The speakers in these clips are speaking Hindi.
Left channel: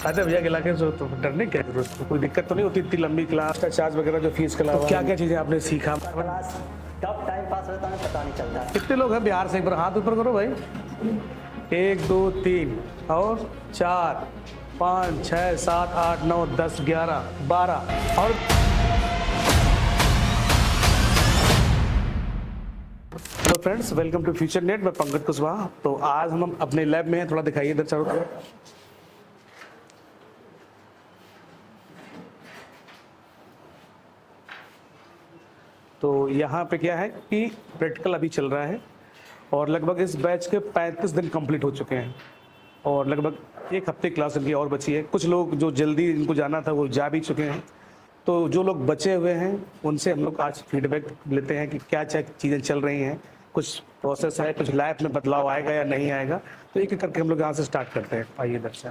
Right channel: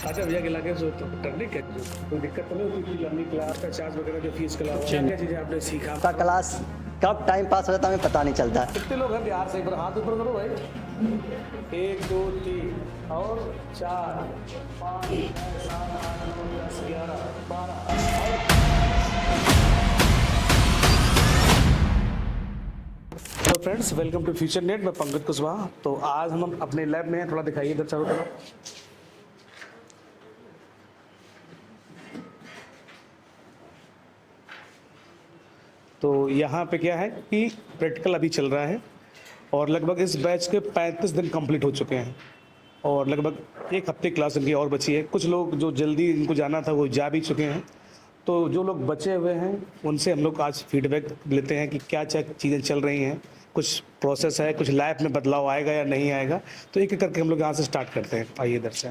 अच्छा भैया गिला के तो डरने क्या जरूरत है? कोई दिक्कत तो नहीं होती इतनी लंबी क्लास का चार्ज वगैरह जो फीस के अलावा? क्या क्या चीजें आपने सीखा? का क्लास कब टाइम पास हो जाता है हमें पता नहीं चलता है। कितने लोग हैं बिहार से? एक बार हाथ ऊपर करो भाई। 1 2 3 और 4 5 6 7 8 9 10 11 12 और तो friends welcome to Future Net. मैं पंकज कुशवाहा। तो आज हम अपने लैब में हैं, थोड़ा दिखाइए इधर चारों तरफ। तो यहाँ पे क्या है कि प्रैक्टिकल अभी चल रहा है और लगभग इस बैच के 35 दिन कंप्लीट हो चुके हैं और लगभग एक हफ्ते क्लास इनकी और बची है। कुछ लोग जो जल्दी इनको जाना था वो जा भी चुके हैं। तो जो लोग बचे हुए हैं उनसे हम लोग आज फीडबैक लेते हैं कि क्या क्या चीज़ें चल रही हैं, कुछ प्रोसेस है, कुछ लाइफ में बदलाव आएगा या नहीं आएगा। तो एक एक करके हम लोग यहाँ से स्टार्ट करते हैं। आइए इधर से।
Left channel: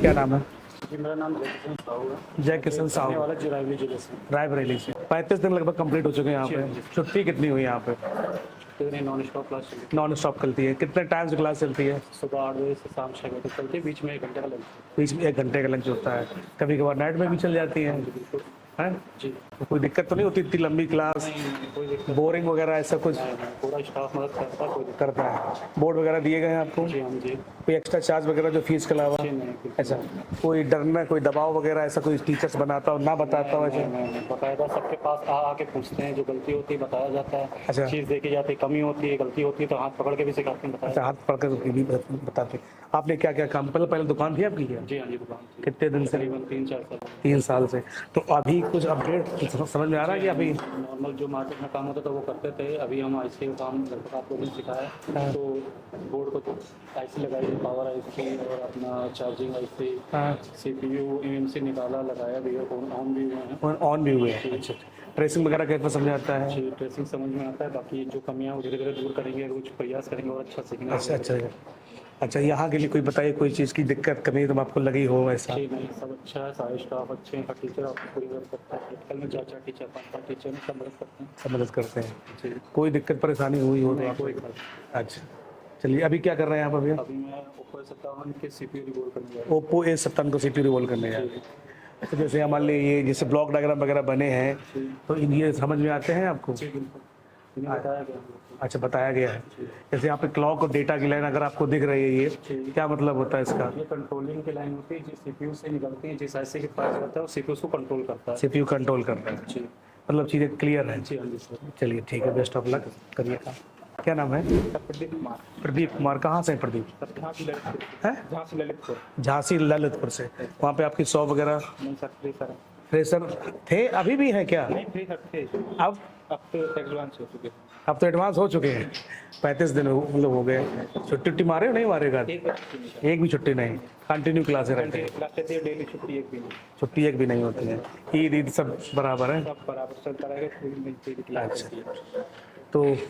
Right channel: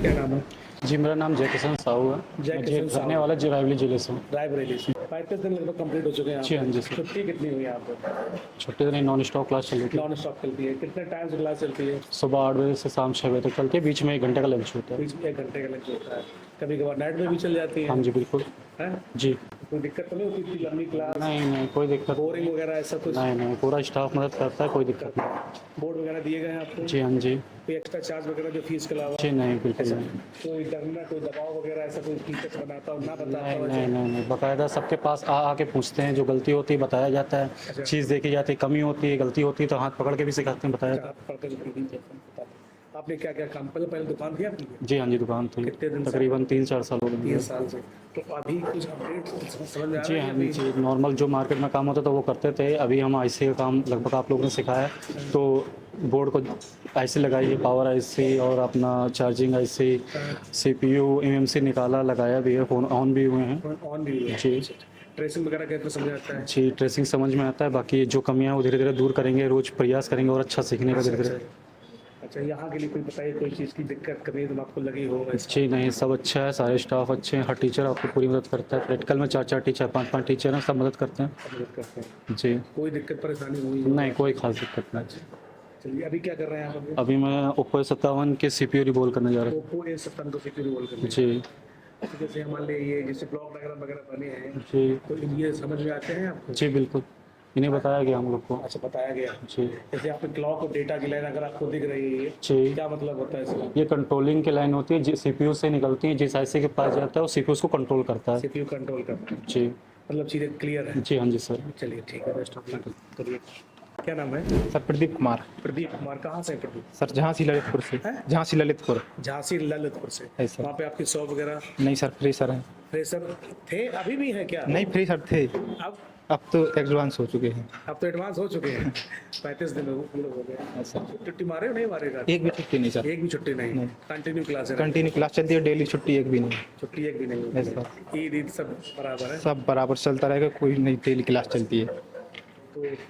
क्या नाम है? जी मेरा नाम जय किशन साहू है। जय किशन साहू रहने वाला रायबरेली जिले से। रायबरेली से। 35 दिन लगभग कंप्लीट हो चुके हैं यहाँ पे। छुट्टी कितनी हुई यहाँ पे? छुट्टी दिन नॉन स्टॉप क्लास चल रही थी। नॉन स्टॉप चलती है। कितने टाइम से क्लास चलती है? सुबह 8 बजे से शाम 6 बजे तक चलती है। बीच में 1 घंटे का लंच होता है। बीच में 1 घंटे का लंच होता है। कभी कभार नाइट में भी चल जाती है? हाँ जी बिल्कुल। है जी तो कोई दिक्कत तो नहीं होती इतनी लंबी क्लास? नहीं कोई दिक्कत बोरिंग वगैरह ऐसा कुछ? नहीं पूरा स्टाफ मदद करता है, कोई दिक्कत करता है। बोर्ड वगैरह दिए गए हैं आपको? जी हाँ जी। कोई एक्स्ट्रा चार्ज वगैरह जो फीस के अलावा? जी नहीं बिल्कुल ऐसा नहीं। कोई डरना, कोई दबाव वगैरह ऐसा कोई टीचर्स बनाता हो ना बताता हो? नहीं बाकायदा सबके पास आके पूछते हैं। जो गलती होती है बताया जाता है। अच्छा। चीज़ देखी जाती है, कमी होती है, गलती होती है तो हाथ पकड़ के भी सिखाते हैं, बताया। हाथ पकड़ भी बताते। आपने क्या क्या काम पहले दुकान थी आपकी क्या? जी हाँ जी दुकान थी। कितने दिन से? तकरीबन 3-4 साल हो गए। 3 साल से। तो अभी कुछ अपडेट समझ में आ रहा है कि अभी नॉर्मल जो मार्केट में काम होता था वो करते थे। अभी हम आईसी का काम लगभग आप लोगों ने सिखाया। तो बोर्ड को आईसी लगाई, पावर आईसी और अपना चार्जिंग आईसी, सीपीयू एमएमसी निकाला, लगाया भी है, फोन ऑन भी हुए हैं। ऑन भी हुए हैं। जी। ट्रेसिंग वगैरह कैसे समझ आता है? जी ट्रेसिंग समझ में आता है। बाकी जो कमियां हैं वो धीरे धीरे दूर करेंगे, रोज प्रयास करेंगे और अच्छा सीखने का धीरे-धीरे। अच्छा यहाँ के लिए कोई बताइए कोई चीज़ की दिक्कत कमी तो आपको लगी हो ऐसा? जी नहीं सब अच्छा है, सारे स्टाफ अच्छे हैं, हर टीचर आपको पूरी मदद करता है। प्रैक्टिकल में 4-4 टीचर 5-5 टीचर हैं, सब मदद करते हैं। सब मदद करते हैं। जी कोई दिक्कत परेशानी हुई हो? नहीं कोई खास दिक्कत नहीं। अच्छा चलिए अभी क्या कर रहे हैं आप? अभी मैं ओप्पो A57 के CPU रिवॉल्व करने जा रहा हूँ। ओप्पो A57 को CPU रिवॉल्व करने हैं। जी। तो जैसे मान लीजिए ये जैसे ब्लॉक डायग्राम वगैरह बने हैं जी तो ये समझ में आते हैं आपको? जी बिल्कुल, इन्हें बताया गया हम लोग को। अच्छा बताया गया है। जी। जैसे यहाँ पे क्लॉक और डेटा की लाइन अगर आपको दिख रही है ये जी। क्या मतलब होता है इसका? ये कंट्रोलिंग की लाइन होती है, CPU से निकलती है, जिस आईसी के पास जाता है वो CPU को कंट्रोल करता है। CPU कंट्रोल कर रहा है। जी मतलब चीज़ें क्लियर है? जी हाँ जी सर। चलिए ठीक है, बेस्ट ऑफ लक करिए काम। क्या नाम है? सर प्रदीप कुमार। प्रदीप कुमार। कहाँ से हैं प्रदीप? सर झांसी ललितपुर से। हैं? झांसी ललितपुर। झांसी ललितपुर से। है सर। वहाँ पे आपकी शॉप वगैरह? नहीं सर फ्री सर है। फ्रेशर थे, अभी भी है क्या? नहीं फ्री सर थे, अब अब तो एडवांस हो चुके हैं। अब तो एडवांस हो चुके हैं। 35 दिन हो गए। छुट्टी मारे हो नहीं मारेगा? एक भी छुट्टी नहीं सर। एक भी छुट्टी नहीं। कंटिन्यू क्लास है? कंटिन्यू क्लास चलती है, डेली छुट्टी एक भी नहीं। छुट्टी एक भी नहीं होती है। ईद ईद सब बराबर है? सब बराबर चलता रहेगा, कोई नहीं डेली क्लास चलती है।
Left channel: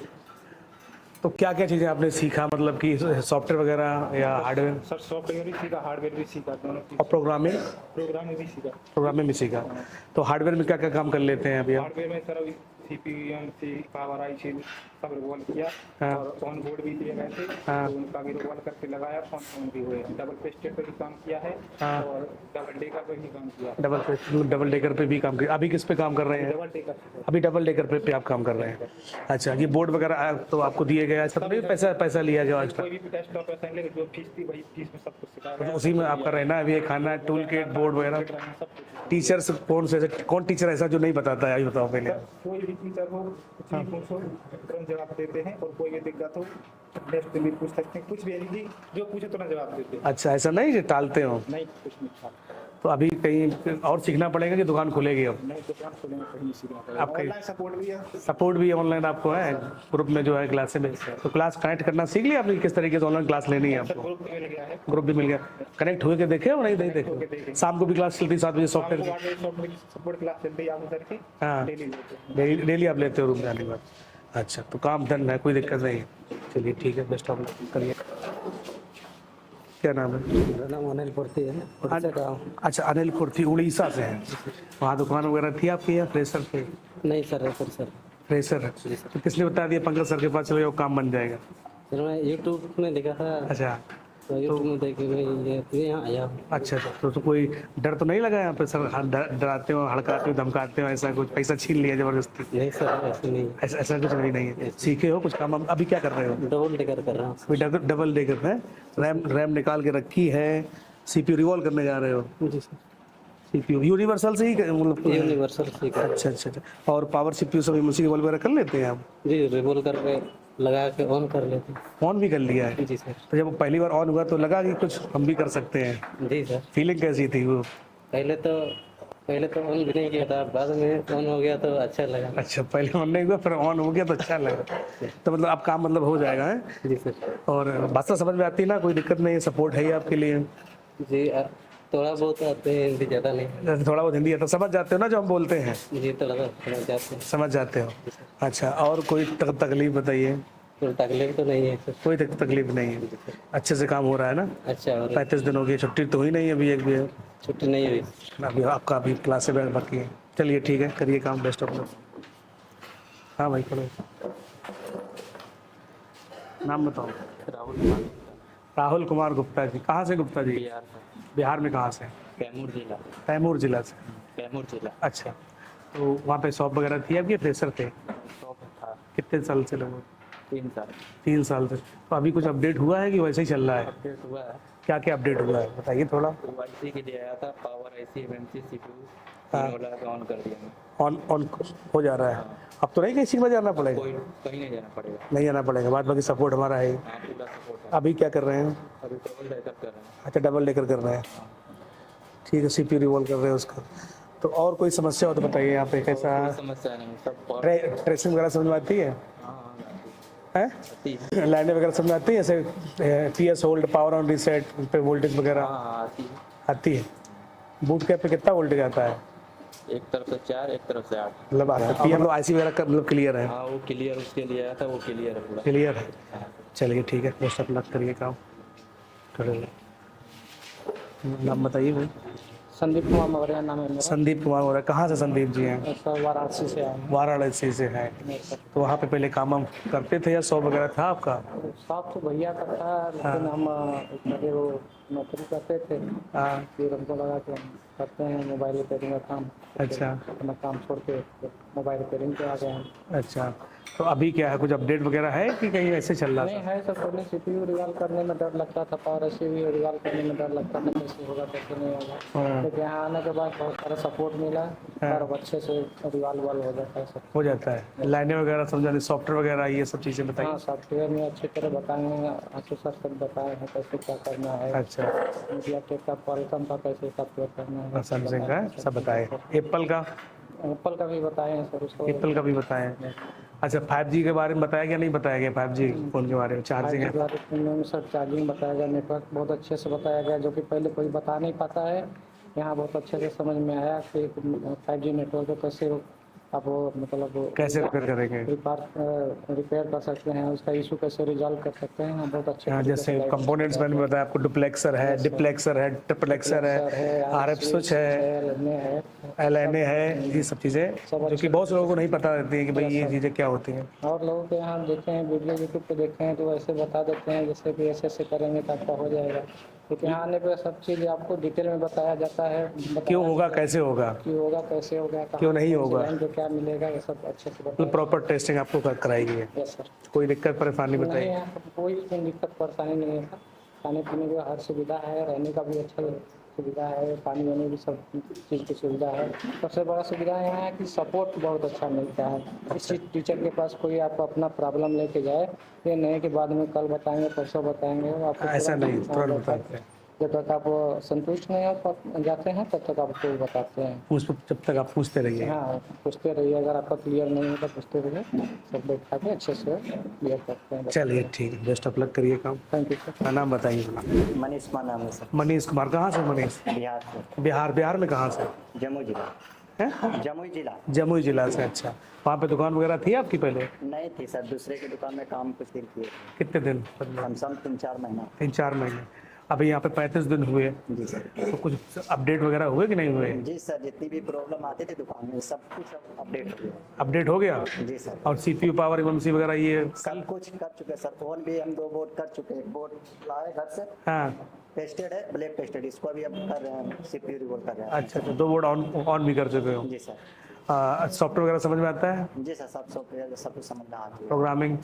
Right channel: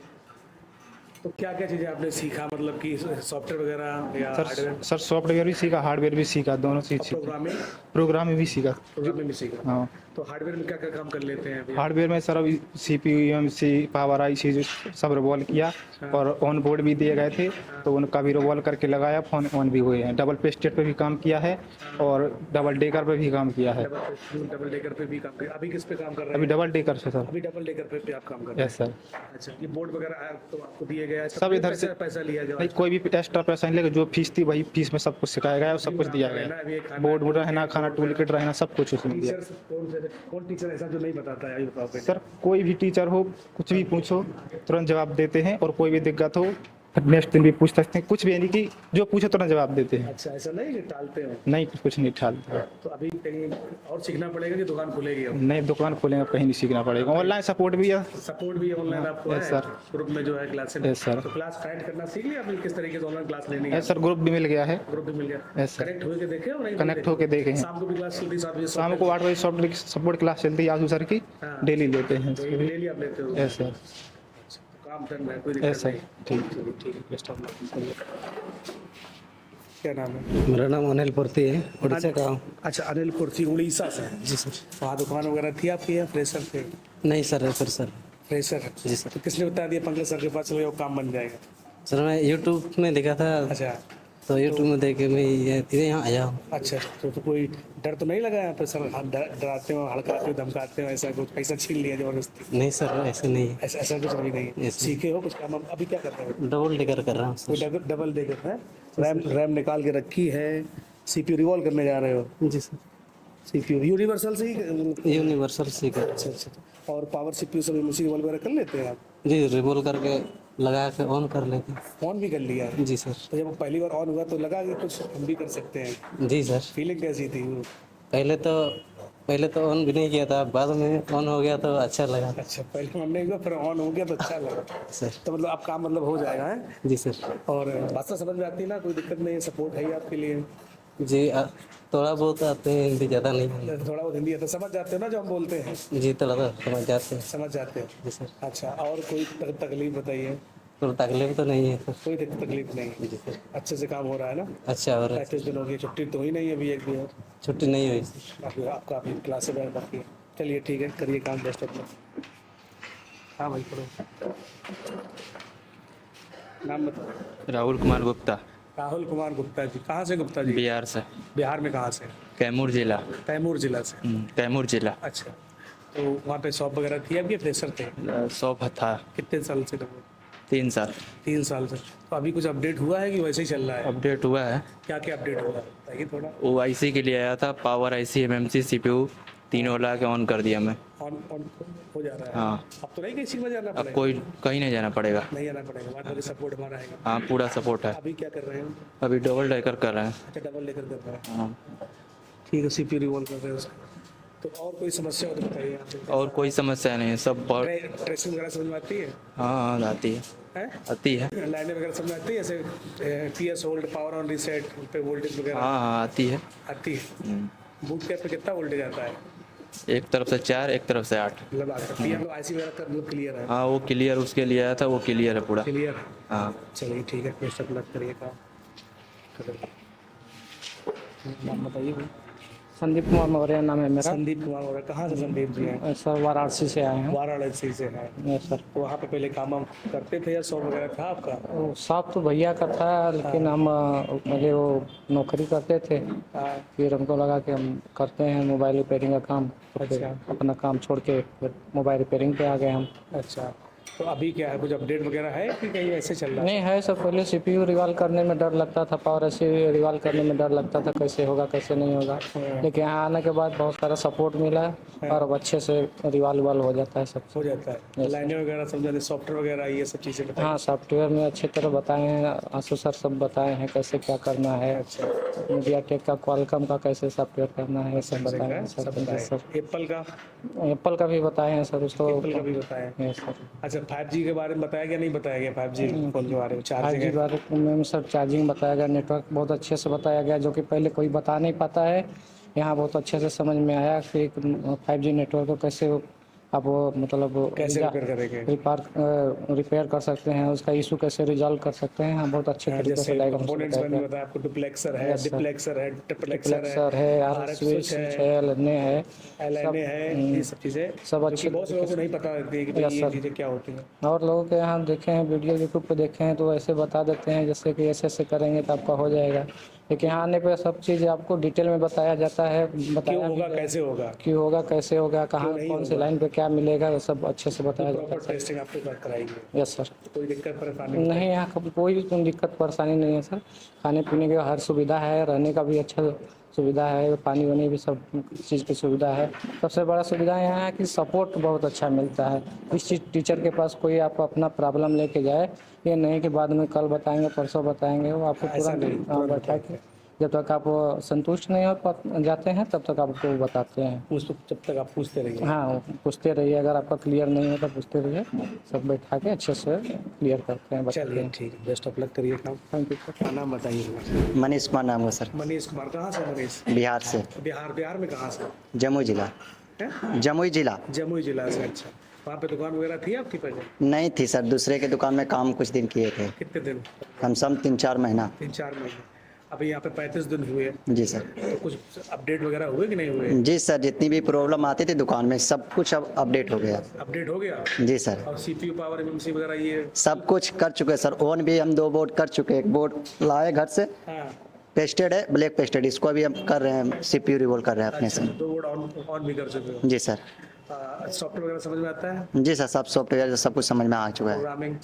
तो क्या क्या चीज़ें आपने सीखा, मतलब कि सॉफ्टवेयर वगैरह या हार्डवेयर? सर सॉफ्टवेयर भी सीखा, हार्डवेयर भी सीखा, दोनों चीज। प्रोग्रामिंग? प्रोग्रामिंग भी सीखा। प्रोग्रामिंग भी सीखा। हाँ। तो हार्डवेयर में क्या क्या काम कर लेते हैं अभी? हार्डवेयर में सर अभी CPU एमएमसी पावर आईसी सब रिवॉल्व किया और ऑन बोर्ड भी दिए गए थे। तो उनका भी रिवॉल्व करके लगाया, फोन ऑन भी हुए हैं। डबल पे स्टेट पे भी काम किया है और डबल डेकर पे भी काम किया है। डबल डेकर पे भी काम किया। अभी किस पे काम कर रहे अभी हैं? डबल डेकर से सर। अभी डबल डेकर पे आप काम कर रहे हैं? सर। अच्छा ये बोर्ड वगैरह तो आपको दिए गया? सब इधर से पैसा लिया गया? कोई भी एक्स्ट्रा पैसा नहीं लेगा, जो फीस थी वही फीस में सब कुछ सिखाया गया, उसी सब में कुछ आपका दिया रहना गया। है, खाना, बोर्ड रहना, खाना, बोर्ड वगैरह, टूलकिट रहना, सब कुछ उसमें। टीचर्स कौन टीचर ऐसा जो नहीं बताता है? ये बताओ पहले। सर कोई भी टीचर हो, कुछ भी पूछो तुरंत जवाब देते हैं, और कोई भी दिक्कत हो नेक्स्ट दिन भी पूछ सकते हैं। कुछ भी नहीं कि जो पूछो तुरंत जवाब देते हैं। अच्छा ऐसा नहीं टालते हो? नहीं कुछ नहीं टालते। तो अभी कहीं और सीखना पड़ेगा कि दुकान खुलेगी अब? नहीं दुकान खोलेंगे, कहीं नहीं सीखना पड़ेगा। ऑनलाइन सपोर्ट भी है। सपोर्ट भी ऑनलाइन आपको है? सर। ग्रुप में जो है क्लासेस में? सर। तो क्लास कनेक्ट करना सीख लिया आपने किस तरीके से ऑनलाइन क्लास लेनी है? सर ग्रुप भी मिल गया है। ग्रुप भी मिल गया? Yes, sir. कनेक्ट होके देखे हो नहीं? कनेक्ट होके देखे हैं। शाम को भी क्लास चलती 7 बजे? शाम को 8 बजे सपोर्ट क्लास चलती है आजू सर की। हाँ। डेली लेते हैं। डेली आप लेते हो रुपये? Yes, sir. अच्छा तो काम डन है, कोई दिक्कत Yes, sir. नहीं? ठीक चलिए ठीक है, बेस्ट ऑफ लक करिए। क्या नाम है? मेरा नाम अनिल पुरती है, उड़ीसा का हूँ। अच्छा अनिल पुरती उड़ीसा से हैं? जी सर। वहाँ दुकान वगैरह थी आपकी या फ्रेशर थे? नहीं सर, फिर सर। फ्रेशर? जी सर। तो किसने बता दिया पंकज सर के पास चलो ये काम बन जाएगा? सर मैं यूट्यूब में देखा था। अच्छा तो यूट्यूब में देख के मैं ये सीधे यहाँ आया हूँ। अच्छा अच्छा, तो कोई डर तो नहीं लगा यहाँ पे सर? डराते हो, हड़काते हो, धमकाते हो, ऐसा कुछ? पैसा छीन लिया जबरदस्ती? नहीं सर, ऐसे नहीं है। ऐसा ऐसा कुछ नहीं है। सीखे हो कुछ काम? अभी क्या कर रहे हो? डबल डेकर कर रहा हूँ कोई डबल डेकर है? रैम निकाल के रखी है, CPU रिवॉल्व करने जा रहे हो? सर। जी सर, CPU यूनिवर्सल से ही मतलब? यूनिवर्सल सीखा। अच्छा अच्छा अच्छा। और पावर CPU सब इमर्सी रिवॉल्व वगैरह कर लेते हैं आप? जी, रिवॉल्व करके लगा के ऑन कर लेते हैं। ऑन भी कर लिया है? जी सर। तो जब पहली बार ऑन हुआ तो लगा कि कुछ हम भी कर सकते हैं? जी सर। फीलिंग कैसी थी वो? पहले तो ऑन भी नहीं किया था, बाद में ऑन हो गया तो अच्छा लगा। अच्छा, पहले ऑन नहीं हुआ फिर ऑन हो गया तो अच्छा लगा सर। तो मतलब अब काम मतलब हो जाएगा है? जी सर। और भाषा समझ में आती है ना? कोई दिक्कत नहीं है? सपोर्ट है ही आपके लिए? जी, थोड़ा बहुत आते हैं, हिंदी ज़्यादा नहीं। थोड़ा बहुत हिंदी है तो समझ जाते हो ना जो हम बोलते हैं? जी, थोड़ा सा समझ जाते हैं। समझ जाते हो? जी सर। अच्छा, और कोई तकलीफ बताइए? तो तकलीफ तो नहीं है सर। कोई तकलीफ नहीं है? जी सर। अच्छे से काम हो रहा है ना? अच्छा, और 35 दिन हो गए, छुट्टी तो हुई नहीं अभी एक भी? छुट्टी नहीं हुई सर। अभी आपका अभी क्लास से बैठ बाकी है। चलिए ठीक है, करिए काम, बेस्ट ऑफ लक। हाँ भाई करो। नाम बताओ। राहुल कुमार गुप्ता, राहुल कुमार गुप्ता जी। कहाँ से गुप्ता जी? बिहार से। बिहार में कहाँ से? कैमूर जिला। कैमूर जिला से? कैमूर जिला। अच्छा, तो वहाँ पे शॉप वगैरह थी आपकी? फ्रेशर थे? शॉप था। कितने साल से लगभग? 3 साल। 3 साल से। तो अभी कुछ अपडेट हुआ है कि वैसे ही चल रहा है? अपडेट हुआ है। क्या क्या अपडेट हुआ है बताइए थोड़ा। OIC के लिए आया था, पावर IC, MMC, CPU तीनों ला के ऑन कर दिया मैं। ऑन ऑन हो जा रहा है? हाँ। अब तो नहीं किसी में जाना पड़ेगा? कोई कहीं नहीं जाना पड़ेगा। नहीं जाना पड़ेगा, बाद बाकी सपोर्ट हमारा है। हाँ, पूरा सपोर्ट है। अभी क्या कर रहे हैं? अभी डबल डेकर कर रहे हैं। अच्छा, डबल डेकर कर रहे हैं। हाँ। ठीक है, CPU रिवॉल्व कर रहे हैं उसका। तो और कोई समस्या हो तो बताइए यहाँ पे। और कोई कैसा समस्या नहीं है, सब बहुत। ट्रेसिंग वगैरह समझ में आती है? हाँ, आती है। हैं? आती है। लाइनें वगैरह समझ में आती है? जैसे PS hold, power on reset पे वोल्टेज वगैरह हाँ, आती है। आती है? बूट कैप पे कितना वोल्टेज आता है? एक तरफ से 4, एक तरफ से 8। मतलब PM IC वगैरह का मतलब क्लियर है? हाँ, वो क्लियर उसके लिए आया था, वो क्लियर है पूरा। क्लियर है। हाँ। चलिए ठीक है, बेस्ट ऑफ लक, करिए काम। करिए। नाम बताइए भाई। संदीप कुमार मौर्य नाम है मेरा। संदीप कुमार हो रहा है। कहाँ से संदीप जी हैं? सर वाराणसी से आए हैं। वाराणसी से है। नहीं सर, तो वहाँ पे पहले काम हम करते थे या शॉप वगैरह था आपका? साफ तो भैया का था, लेकिन हम पहले वो नौकरी करते थे, हाँ। फिर हमको लगा कि हम करते हैं मोबाइल रिपेयरिंग का काम, तो फिर अच्छा। अपना काम छोड़ के फिर मोबाइल रिपेयरिंग पे आ गए हम। अच्छा, तो अभी क्या है, कुछ अपडेट वगैरह है कि कहीं ऐसे चल रहा है? नहीं है सर, पहले CPU रिवॉल्व करने में डर लगता था, पावर IC रिवॉल्व करने में डर लगता था, कैसे होगा कैसे नहीं होगा। लेकिन यहाँ आने के बाद बहुत सारा सपोर्ट मिला और अब अच्छे से रिवॉल्व हो जाता है सब। हो जाता है? लाइनें वगैरह समझा, सॉफ्टवेयर वगैरह, ये सब चीज़ें बताइए। हाँ, सॉफ्टवेयर में अच्छे तरह बताए हैं, आंसू सर सब बताए हैं कैसे क्या करना है। अच्छा, मीडियाटेक का, क्वालकॉम का कैसे सॉफ्टवेयर करना है, सब सैमसंग बताए का हैं सब बताए। सर। एप्पल का? एप्पल का भी बताए हैं सर उसको। एप्पल का भी बताए। Yes sir. अच्छा, 5G के बारे में बताया गया नहीं बताया गया? 5G फोन के बारे में, 4G 5G बारे में सर चार्जिंग बताया गया, नेटवर्क बहुत अच्छे से बताया गया, जो कि पहले कोई बता नहीं पाता है। यहाँ बहुत अच्छे से समझ में आया कि 5G नेटवर्क को कैसे आप मतलब कैसे रिपेयर करेंगे? रिपेयर कर सकते हैं, उसका इशू कैसे रिजॉल्व कर सकते हैं। हाँ, बहुत अच्छे तरीके से जैसे कंपोनेंट्स मैंने बताया आपको, डुप्लेक्सर है, डिप्लेक्सर है, ट्रिप्लेक्सर है, RF स्विच है, LNA है, ये सब चीज़ें सब जो कि बहुत से लोगों को नहीं पता रहती है कि भाई ये चीज़ें क्या होती हैं। और लोगों के यहाँ देखे हैं वीडियो यूट्यूब पे देखे हैं तो ऐसे बता देते हैं जैसे कि ऐसे ऐसे करेंगे तो आपका हो जाएगा, लेकिन यहाँ आने पर सब चीज़ आपको डिटेल में बताया जाता है। क्यों होगा, कैसे होगा, क्यों होगा, कैसे होगा, कहाँ नहीं कौन सी लाइन पे क्या मिलेगा, ये सब अच्छे से बताया प्रॉपर टेस्टिंग आपको कराएगी। Yes sir. कोई दिक्कत परेशानी नहीं, बताइए? यहाँ कोई भी दिक्कत परेशानी नहीं है सर। खाने पीने की हर सुविधा है, रहने का भी अच्छा सुविधा है, पानी वानी भी सब चीज़ की सुविधा है। सबसे बड़ा सुविधा यहाँ है कि सपोर्ट बहुत अच्छा मिलता है। इस चीज़ टीचर के पास कोई आप अपना प्रॉब्लम लेके जाए, ये नहीं कि बाद में कल बताएंगे परसों बताएंगे, वो आपको ऐसा नहीं, तुरंत बता के जब तक आप संतुष्ट नहीं हो जाते हैं तब तक आपको बताते हैं। जब तक आप पूछते रहिए। हाँ, पूछते रहिए, अगर आपका क्लियर नहीं है तो पूछते रहिए, सब बैठा के अच्छे से क्लियर करते हैं। चलिए ठीक है, बेस्ट ऑफ लक, करिए काम। Thank you. नाम बताइए। मनीष कुमार नाम है सर। मनीष कुमार। कहाँ से मनीष? बिहार से। बिहार में कहाँ से? जमुई जिला। हैं? जमुई जिला। जमुई जिला से। अच्छा, वहाँ पे दुकान वगैरह थी आपकी पहले? नहीं थी सर, दूसरे के दुकान में काम कुछ दिन किए थे। कितने दिन? कम से कम 3-4 महीना। 3-4 महीने। अभी यहाँ पे 35 दिन हुए, जी सर। तो कुछ अपडेट वगैरह हुए कि नहीं हुए? जी सर, जितनी भी प्रॉब्लम आती थी दुकान में सब कुछ अब अपडेट हो गया। अपडेट हो गया? जी सर, और सीपीयू पावर एमएमसी वगैरह ये? सब कुछ कर चुके हैं सर। ओन भी हम 2 बोर्ड कर चुके हैं। एक बोर्ड लाए घर से, हाँ। पेस्टेड है, ब्लैक पेस्टेड, इसको भी हम कर रहे हैं, सीपीयू रिवोल्व कर रहे हैं अपने अच्छा, से। 2 बोर्ड ऑन भी कर चुके हो? जी सर। सॉफ्टवेयर वगैरह समझ में आता है? जी सर, सब सॉफ्टवेयर सब कुछ समझ में आ चुका है। प्रोग्रामिंग?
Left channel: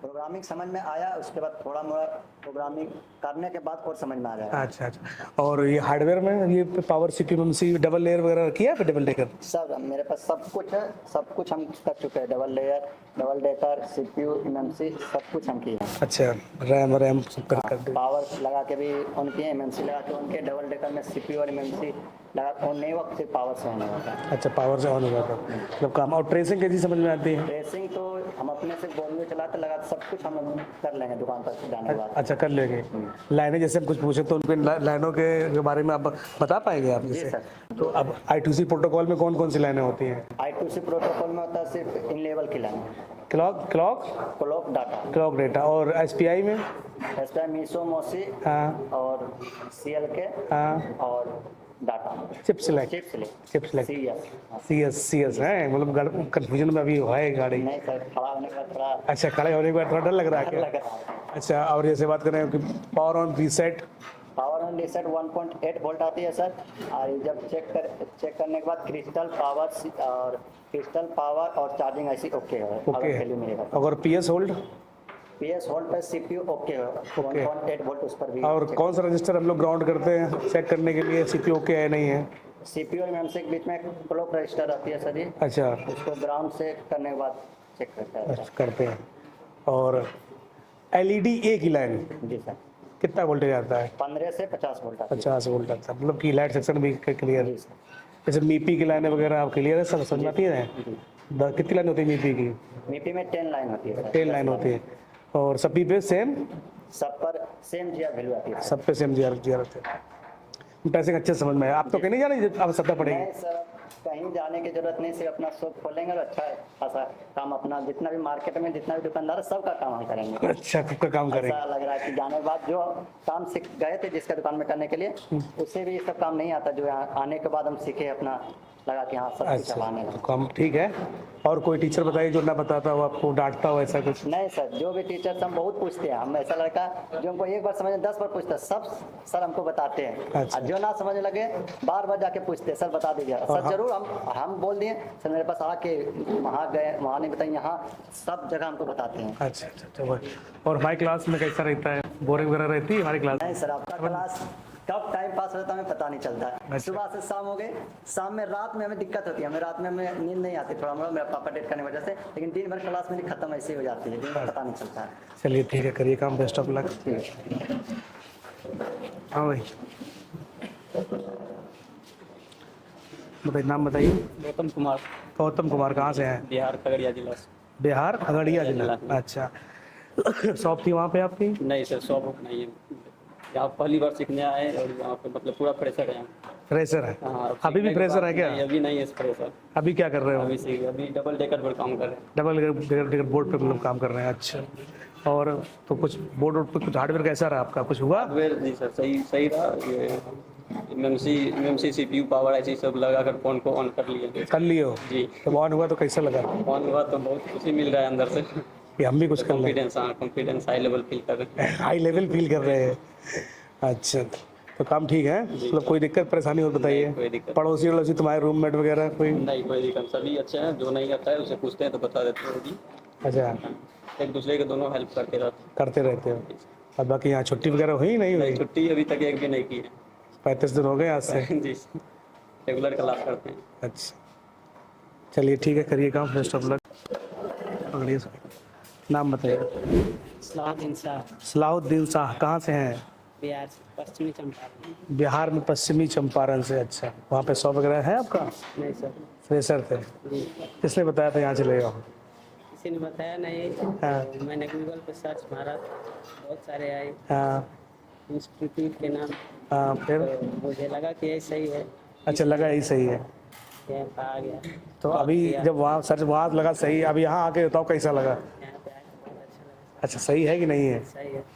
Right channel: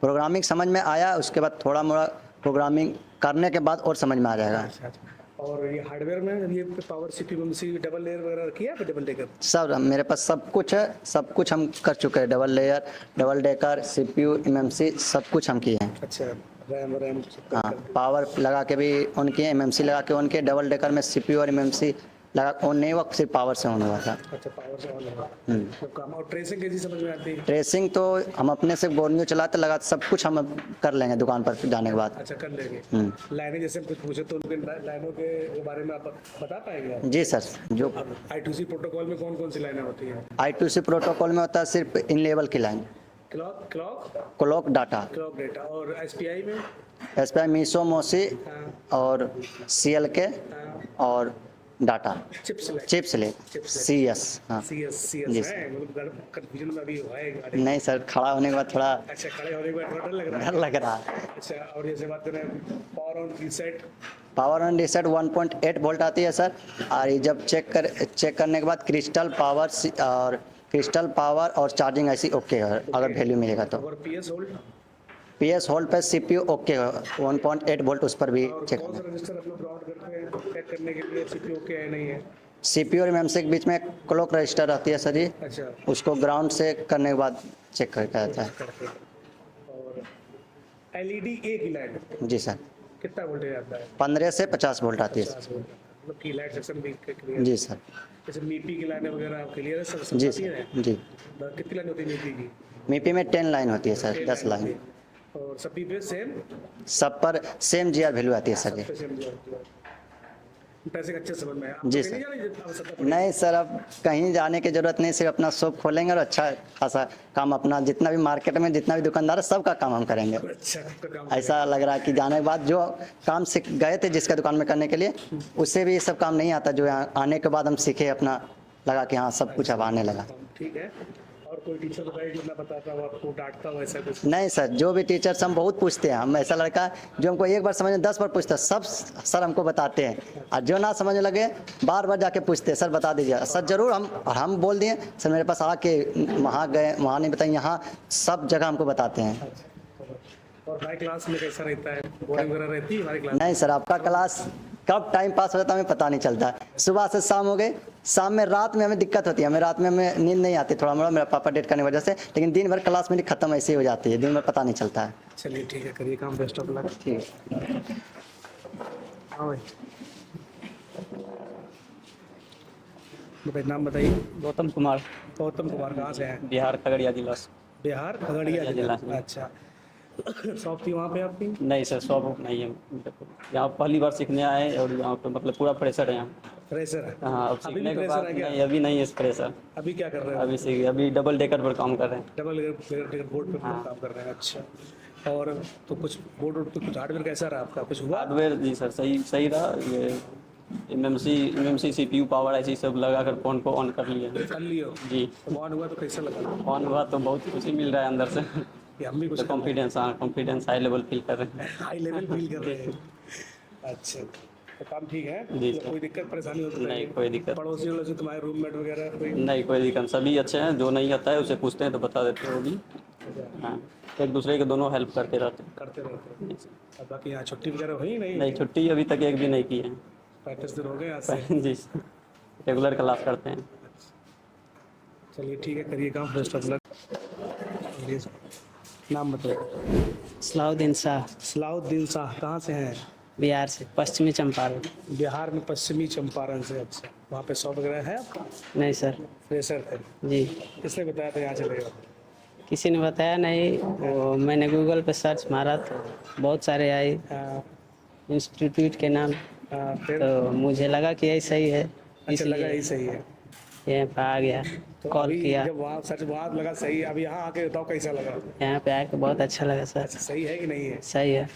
प्रोग्रामिंग समझ में आया, उसके बाद थोड़ा मोड़ा प्रोग्रामिंग करने के बाद और समझ में आ जाएगा। अच्छा अच्छा। और ये हार्डवेयर में ये power CPU MMC double layer वगैरह किया है, डबल डेकर? सर मेरे पास सब कुछ है, सब कुछ हम कर चुके हैं। Double layer, double decker, CPU, MMC सब कुछ हम किए हैं। अच्छा, रैम सब हाँ, कर पावर लगा के भी ऑन किए, एमएमसी लगा के ऑन किए। डबल डेकर में सीपीयू और एमएमसी लगा ऑन नहीं हुआ, सिर्फ पावर से ऑन हुआ था। अच्छा, पावर से ऑन हुआ था मतलब काम। और ट्रेसिंग कैसी समझ में आती है? ट्रेसिंग तो हम अपने से बोर्नियो चलाते लगाते सब कुछ हम कर लेंगे दुकान पर जाने के बाद। अच्छा, कर लेंगे। लाइनें जैसे हम कुछ पूछे तो उनके लाइनों के बारे में आप बता पाएंगे आप? जी सर। जो अब I2C प्रोटोकॉल में कौन कौन सी लाइनें होती हैं? I2C प्रोटोकॉल में होता है सिर्फ इन लेवल की लाइन, क्लॉक क्लॉक डेटा। और SPI में? एसपीआई, मीसो, मोसी हाँ और CLK हाँ। और data chip select? Chip select, CS। हाँ CS है, मतलब कंफ्यूजन में अभी हुआ है गाड़ी। नहीं सर, खड़ा होने के बाद थोड़ा अच्छा, खड़े होने के बाद थोड़ा डर लग रहा है डर क्या? लग रहा है। अच्छा, और जैसे बात करें कि power on reset? Power on reset 1.8 volt आती है सर। और ये जब चेक करने के बाद क्रिस्टल पावर और चार्जिंग ऐसी ओके है, अगर वैल्यू मिलेगा तो। अगर PS होल्ड? PS होल्ड पे CPU ओके है, 1.8 वोल्ट उस पर भी और check कौन सा रजिस्टर हम लोग ग्राउंड करते हैं चेक करने के लिए CPU ओके है नहीं है? CPU और एमएमसी के बीच में क्लॉक रजिस्टर आती है सर जी, अच्छा, उसको ग्राउंड से करने के बाद चेक करके आता है। करते हैं। और LED A की लाइन जी सर, कितना वोल्टेज आता है? 15 से 50 वोल्ट आती है। 50 वोल्ट आता है, मतलब की लाइट सेक्शन भी क्लियर? जी सर। जैसे MIPI की लाइनें वगैरह आप क्लियर है, सब जी समझाती है? जी। कितनी लाइन होती है MIPI की? MIPI में 10 लाइन होती है सर, 10 10 लाइन होती है। और सभी पे सेम? सब पर सेम GR वैल्यू आती है सर सब जी। पे सेम GR होते हैं। पैसे अच्छे समझ में आया। आप तो जी कहीं नहीं जाने, अब सत्ता पड़ेगी? नहीं सर, अब कहीं जाने की जरूरत नहीं, सिर्फ अपना शॉप खोलेंगे और अच्छा खासा काम, अपना जितना भी मार्केट में जितना भी दुकानदार है सबका काम हम करेंगे। अच्छा, सबका काम करेंगे। ऐसा लग रहा है कि जाने के बाद जो काम सीख गए थे जिसका दुकान में करने के लिए, उससे भी सब काम नहीं आता, जो यहाँ आने के बाद हम सीखे, अपना लगा कि हाँ सब कुछ अब आने लगा। काम ठीक है। और कोई टीचर बताइए जो ना बताता हो, आपको डांटता हो, ऐसा कुछ? नहीं सर, जो भी टीचर्स हम बहुत पूछते हैं, हम ऐसा लड़का जो हमको एक बार समझ में 10 बार पूछता है, सब सर हमको बताते हैं। अच्छा। और जो ना समझ में लगे बार बार जाके पूछते हैं, सर बता दीजिए सर जरूर। हम बोल दिए सर, मेरे पास आके वहाँ गए, वहाँ नहीं बताए, यहाँ सब जगह हमको बताते हैं। अच्छा अच्छा अच्छा। और हमारी क्लास में कैसा रहता है? बोरिंग वगैरह रहती है हमारी क्लास? नहीं सर, आपका क्लास कब टाइम पास हो जाता है हमें पता नहीं चलता। सुबह से शाम हो गए, शाम में रात में हमें दिक्कत होती है, हमें रात में हमें नींद नहीं आती थोड़ा मोड़ा, मेरा पापा डेट करने की वजह से, लेकिन दिन भर क्लास मेरी खत्म ऐसी हो जाती है, दिन में पता नहीं चलता है। चलिए ठीक है, करिए काम, बेस्ट ऑफ लक। हाँ भाई, बताइए, नाम बताइए। गौतम कुमार, गौतम कुमार, कहाँ से हैं? बिहार खगड़िया जिला से। बिहार खगड़िया जिला। अच्छा, शॉप थी वहाँ पे आपकी? नहीं सर, शॉप नहीं है यहाँ, पहली बार सीखने आए और यहाँ पे मतलब पूरा प्रेशर है यहाँ। फ्रेशर है? हाँ, अब अभी भी सीखने के प्रेशर बाद है क्या? नहीं, अभी नहीं है प्रेशर। अभी क्या कर रहे हो? अभी डबल डेकर पर काम कर रहे हैं। डबल बोर्ड पे लोग काम कर रहे हैं। अच्छा, और तो कुछ बोर्ड पे कुछ हार्डवेयर कैसा रहा आपका, कुछ हुआ? हार्डवेयर जी सर, सही रहा। ये एमएमसी CPU पावर ऐसी सब लगा कर फोन को ऑन कर लिया। कर लिए हो? जी। तो ऑन हुआ तो कैसा लगा? ऑन हुआ तो बहुत खुशी मिल रहा है अंदर से। कि हम भी कुछ कर लें? कॉन्फिडेंस हाई लेवल फील कर रहे हैं। हाई लेवल फील कर रहे हैं। अच्छा, तो काम ठीक है, मतलब कोई दिक्कत परेशानी हो बताइए? नहीं, कोई दिक्कत। पड़ोसी वड़ोसी तुम्हारे रूममेट वगैरह कोई? नहीं, कोई दिक्कत, सभी अच्छे हैं। जो नहीं आता है उसे पूछते हैं तो बता देते हो जी। अच्छा, हाँ, एक दूसरे के दोनों हेल्प करते रहते हैं। करते रहते हो। और बाकी यहाँ छुट्टी वगैरह हुई नहीं हुई? नहीं, छुट्टी अभी तक एक भी नहीं की है। 35 दिन हो गए आज से? जी, रेगुलर क्लास करते हैं। अच्छा, चलिए ठीक है, करिए काम, बेस्ट ऑफ लक। पकड़िए, नाम बताइए। सलाउद्दीन शाह, सलाहुद्दीन शाह, कहाँ से हैं? बिहार से, पश्चिमी चंपारण। बिहार में पश्चिमी चंपारण से। अच्छा, वहाँ पे शॉप वगैरह है आपका? नहीं सर। फ्रेशर थे? जी, किसने बताया था यहाँ चले जाओ? किसी ने बताया नहीं, वो मैंने गूगल पे सर्च मारा तो बहुत सारे आए हाँ, इंस्टीट्यूट के नाम, फिर? तो मुझे लगा कि यही सही है। अच्छा, लगा यही सही है। यहाँ पे आ गया, तो कॉल अभी किया। जब वहाँ सच वहाँ लगा सही, अब यहाँ आके बताओ कैसा लगा? यहाँ पे आके बहुत अच्छा लगा सर। अच्छा, सही है कि नहीं है? सही है।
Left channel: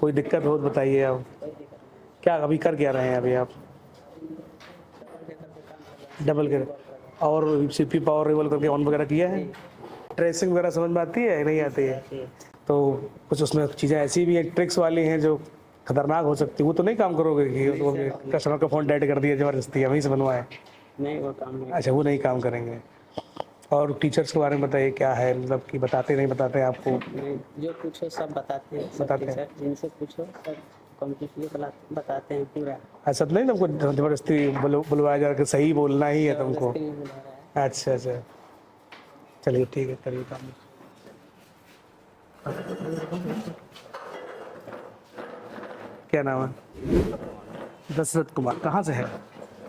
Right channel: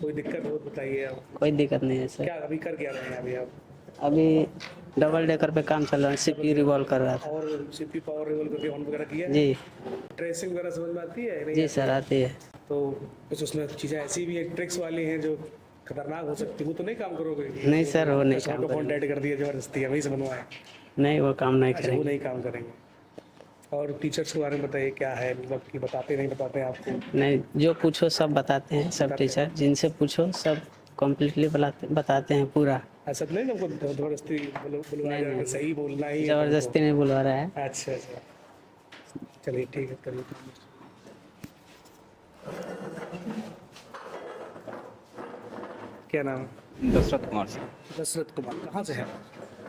कोई दिक्कत हो तो बताइए आप। कोई दिक्कत नहीं है सर। क्या अभी कर क्या रहे हैं अभी आप? अभी डबल डेकर पे काम चल रहा है, डबल सीपीयू रिवॉल्व कर रहा था। और सीपी पावर रिवॉल्व करके ऑन वगैरह किया है? जी ट्रेसिंग वगैरह समझ में आती है नहीं जी आती सर, है? आती है। तो कुछ उसमें चीज़ें ऐसी भी हैं ट्रिक्स वाली हैं जो खतरनाक हो सकती है, वो तो नहीं काम करोगे कि नहीं सर, वो नहीं कस्टमर का फोन डेड कर दिया जबरदस्ती वहीं से बनवाए? नहीं, वो काम नहीं अच्छा, वो नहीं काम करेंगे। और टीचर्स के बारे में बताइए, क्या है मतलब कि बताते नहीं बताते आपको? नहीं, जो पूछो सब बताते हैं, सब बताते हैं। टीचर जिनसे पूछो सब कम्प्लीटली बताते हैं पूरा। ऐसा तो नहीं ना कुछ जबरदस्ती बुलवाया जा रहा है कि सही बोलना ही है तुमको? जबरदस्ती नहीं बुलवा रहा है। अच्छा अच्छा, चलिए ठीक है, करिए काम। क्या नाम है? दशरथ कुमार से, दशरथ कुमार। कहाँ से है?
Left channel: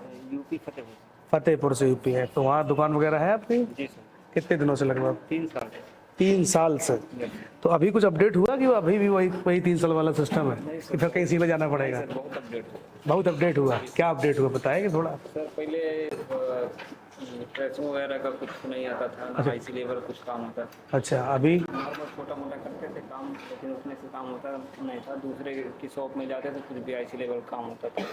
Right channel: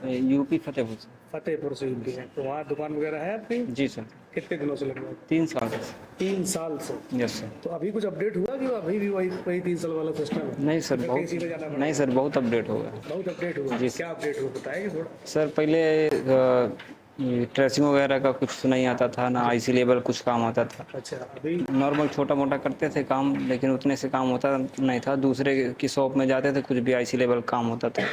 यूपी फतेहपुर से। फतेहपुर से यूपी है। तो वहाँ दुकान वगैरह है आपकी? जी सर, कितने दिनों से लगभग? 3 साल से। 3 साल से। Yes sir. तो अभी कुछ अपडेट हुआ कि वो अभी भी वही 3 साल वाला सिस्टम है? नहीं सर, फिर कहीं सीधा जाना पड़ेगा? नहीं सर, बहुत अपडेट हो गया। बहुत अपडेट हुआ। क्या अपडेट हुआ बताएंगे थोड़ा? सर पहले ट्रेसिंग वगैरह का कुछ नहीं आता था, ना आईसी लेवल कुछ काम होता था। अच्छा, अभी? नॉर्मल छोटा मोटा करते थे काम, लेकिन उतने से काम होता नहीं था। दूसरे की शॉप में जाते थे, कुछ भी आईसी लेवल काम होता था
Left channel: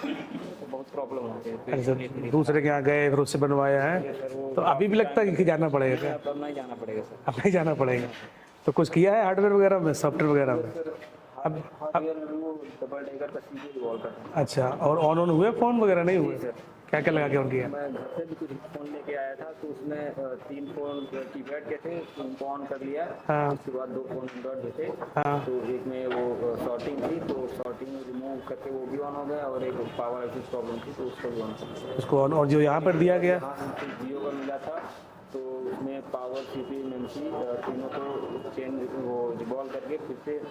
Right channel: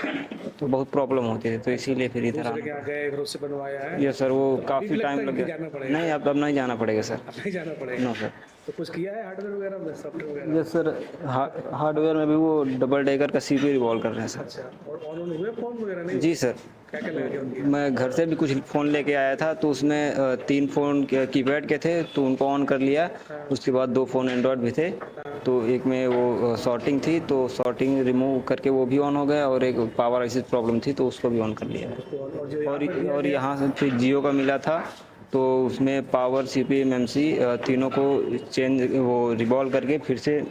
तो बहुत प्रॉब्लम होती थी, तो इसीलिए फिर दूसरे के यहाँ गए फिर उससे बनवाया है? ये सर वो तो अभी भी लगता है कि जाना पड़ेगा? नहीं, अब नहीं जाना पड़ेगा सर। अब नहीं जाना पड़ेगा। सर। तो कुछ किया है हार्डवेयर वगैरह में, सॉफ्टवेयर वगैरह में? सर हार्डवेयर में भी वो डबल डेकर का सीपीयू रिवॉल्व कर रहे हैं सर। अच्छा, और ऑन हुए फोन वगैरह नहीं जी हुए? सर। क्या क्या लगा के ऑन किया? मैं घर से भी कुछ फ़ोन लेके आया था, तो उसमें 3 फ़ोन कीपैड के थे, तो उनको ऑन कर लिया। हाँ। उसके बाद 2 फ़ोन एंड्रॉयड भी थे। हाँ। तो एक में वो शॉर्टिंग थी, तो शॉर्टिंग रिमूव करके वो भी ऑन हो गया, और एक पावर आईसी प्रॉब्लम थी तो उसको भी ऑन कर लिया। उसको ऑन, और जो यहाँ पर दिया और गया? यहाँ से फिर जियो का मिला था, तो उसमें पावर सीपीयू एमएमसी तीनों को चेंज वो रिवॉल्व करके फिर से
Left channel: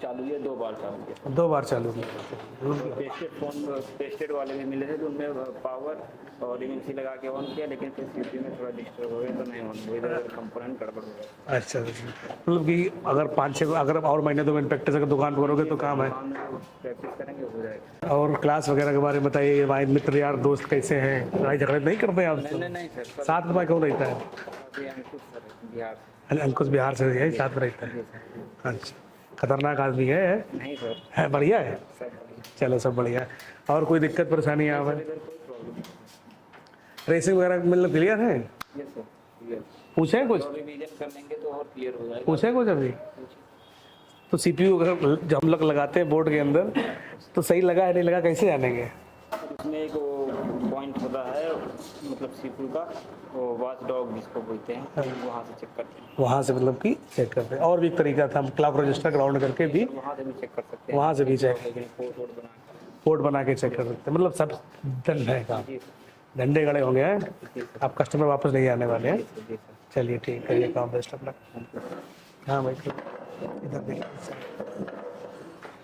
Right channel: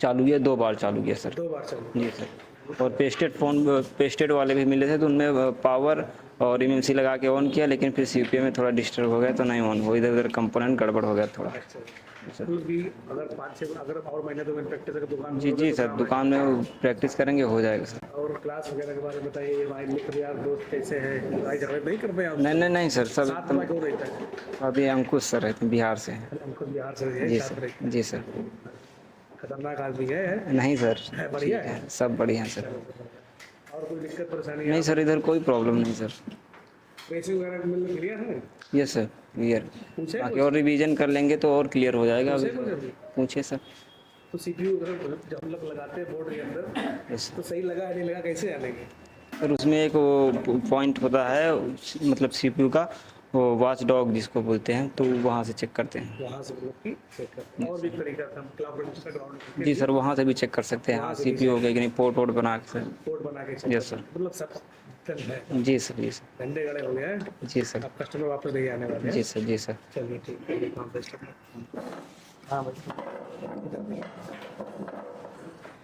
चालू किया, 2 बार चालू किया सर। 2 बार चालू? जी सर। और पेस्टेड वाले भी मिले थे, तो उनमें पावर और एमएमसी लगा के ऑन किया, लेकिन फिर सीपीयू में थोड़ा डिस्टर्ब हो गया तो नहीं ऑन हुआ, इधर उधर कंपोनेंट गड़बड़ हो गया थोड़ा। अच्छा, मतलब कि अगर 5-6 अगर और महीने तो मैंने प्रैक्टिस अगर दुकान खोलोगे जी तो सर, काम है। दुकान में प्रैक्टिस करेंगे, हो जाएगा सर। और क्लास वगैरह के बारे में बताइए, भाई मित्र यार दोस्त कैसे हैं? लड़ाई झगड़े नहीं करते आप? नहीं सर, सब साथ में कौन रहता है? अभी अंकुश सर रहते हैं, बिहार से। अंकुश बिहार से है, जी साथ में सर। रहता है? जी सर। अच्छा, खतरनाक आदमी है? नहीं सर, है, बढ़िया है? सब बढ़िया है सर। चलो, सब बढ़िया है। और कोई दिक्कत परेशानी नहीं है? सर, इधर कोई प्रॉब्लम नहीं सर। रेसिंग वगैरह मतलब क्लियर है? Yes sir, clear. पूछे कुछ? और रिवीजन कर लेंगे तो और क्लियर हो जाएगा। पूछे कुछ अभी? पूछे सर। तो सीपीयू अगर जब हम लोग लगाते हैं बोर्ड के अंदर तो सही लगा है नहीं लगा कैसे जानेंगे? सर उसमें एक वो पॉइंट होता है, मतलब सीपीयू का वो वॉच डॉग जिसको बोलते हैं, तो वहाँ से चेक करते हैं। वहाँ से मतलब कि चेक करते हैं। और भी एक तरीका था, हम क्लॉक रजिस्टर ग्राउंड करके जी भी सर, वहाँ से भी चेक कर सकते हैं। वहाँ से भी सीपीयू हो गया कि नहीं, पोर्ट वोर्ट बना के सर। पोर्ट बना के चेक कर सकते हैं। मतलब सब डंडे हैं, जी सर, जी सर। डंडे गड़े होंगे हैं। जी सर। आप कस्टमर वापस नहीं आने वाले हैं? जी सर, जी सर। चलिए ठीक है, ये काम बेस्ट अपना। हाँ भाई, इधर देखिए,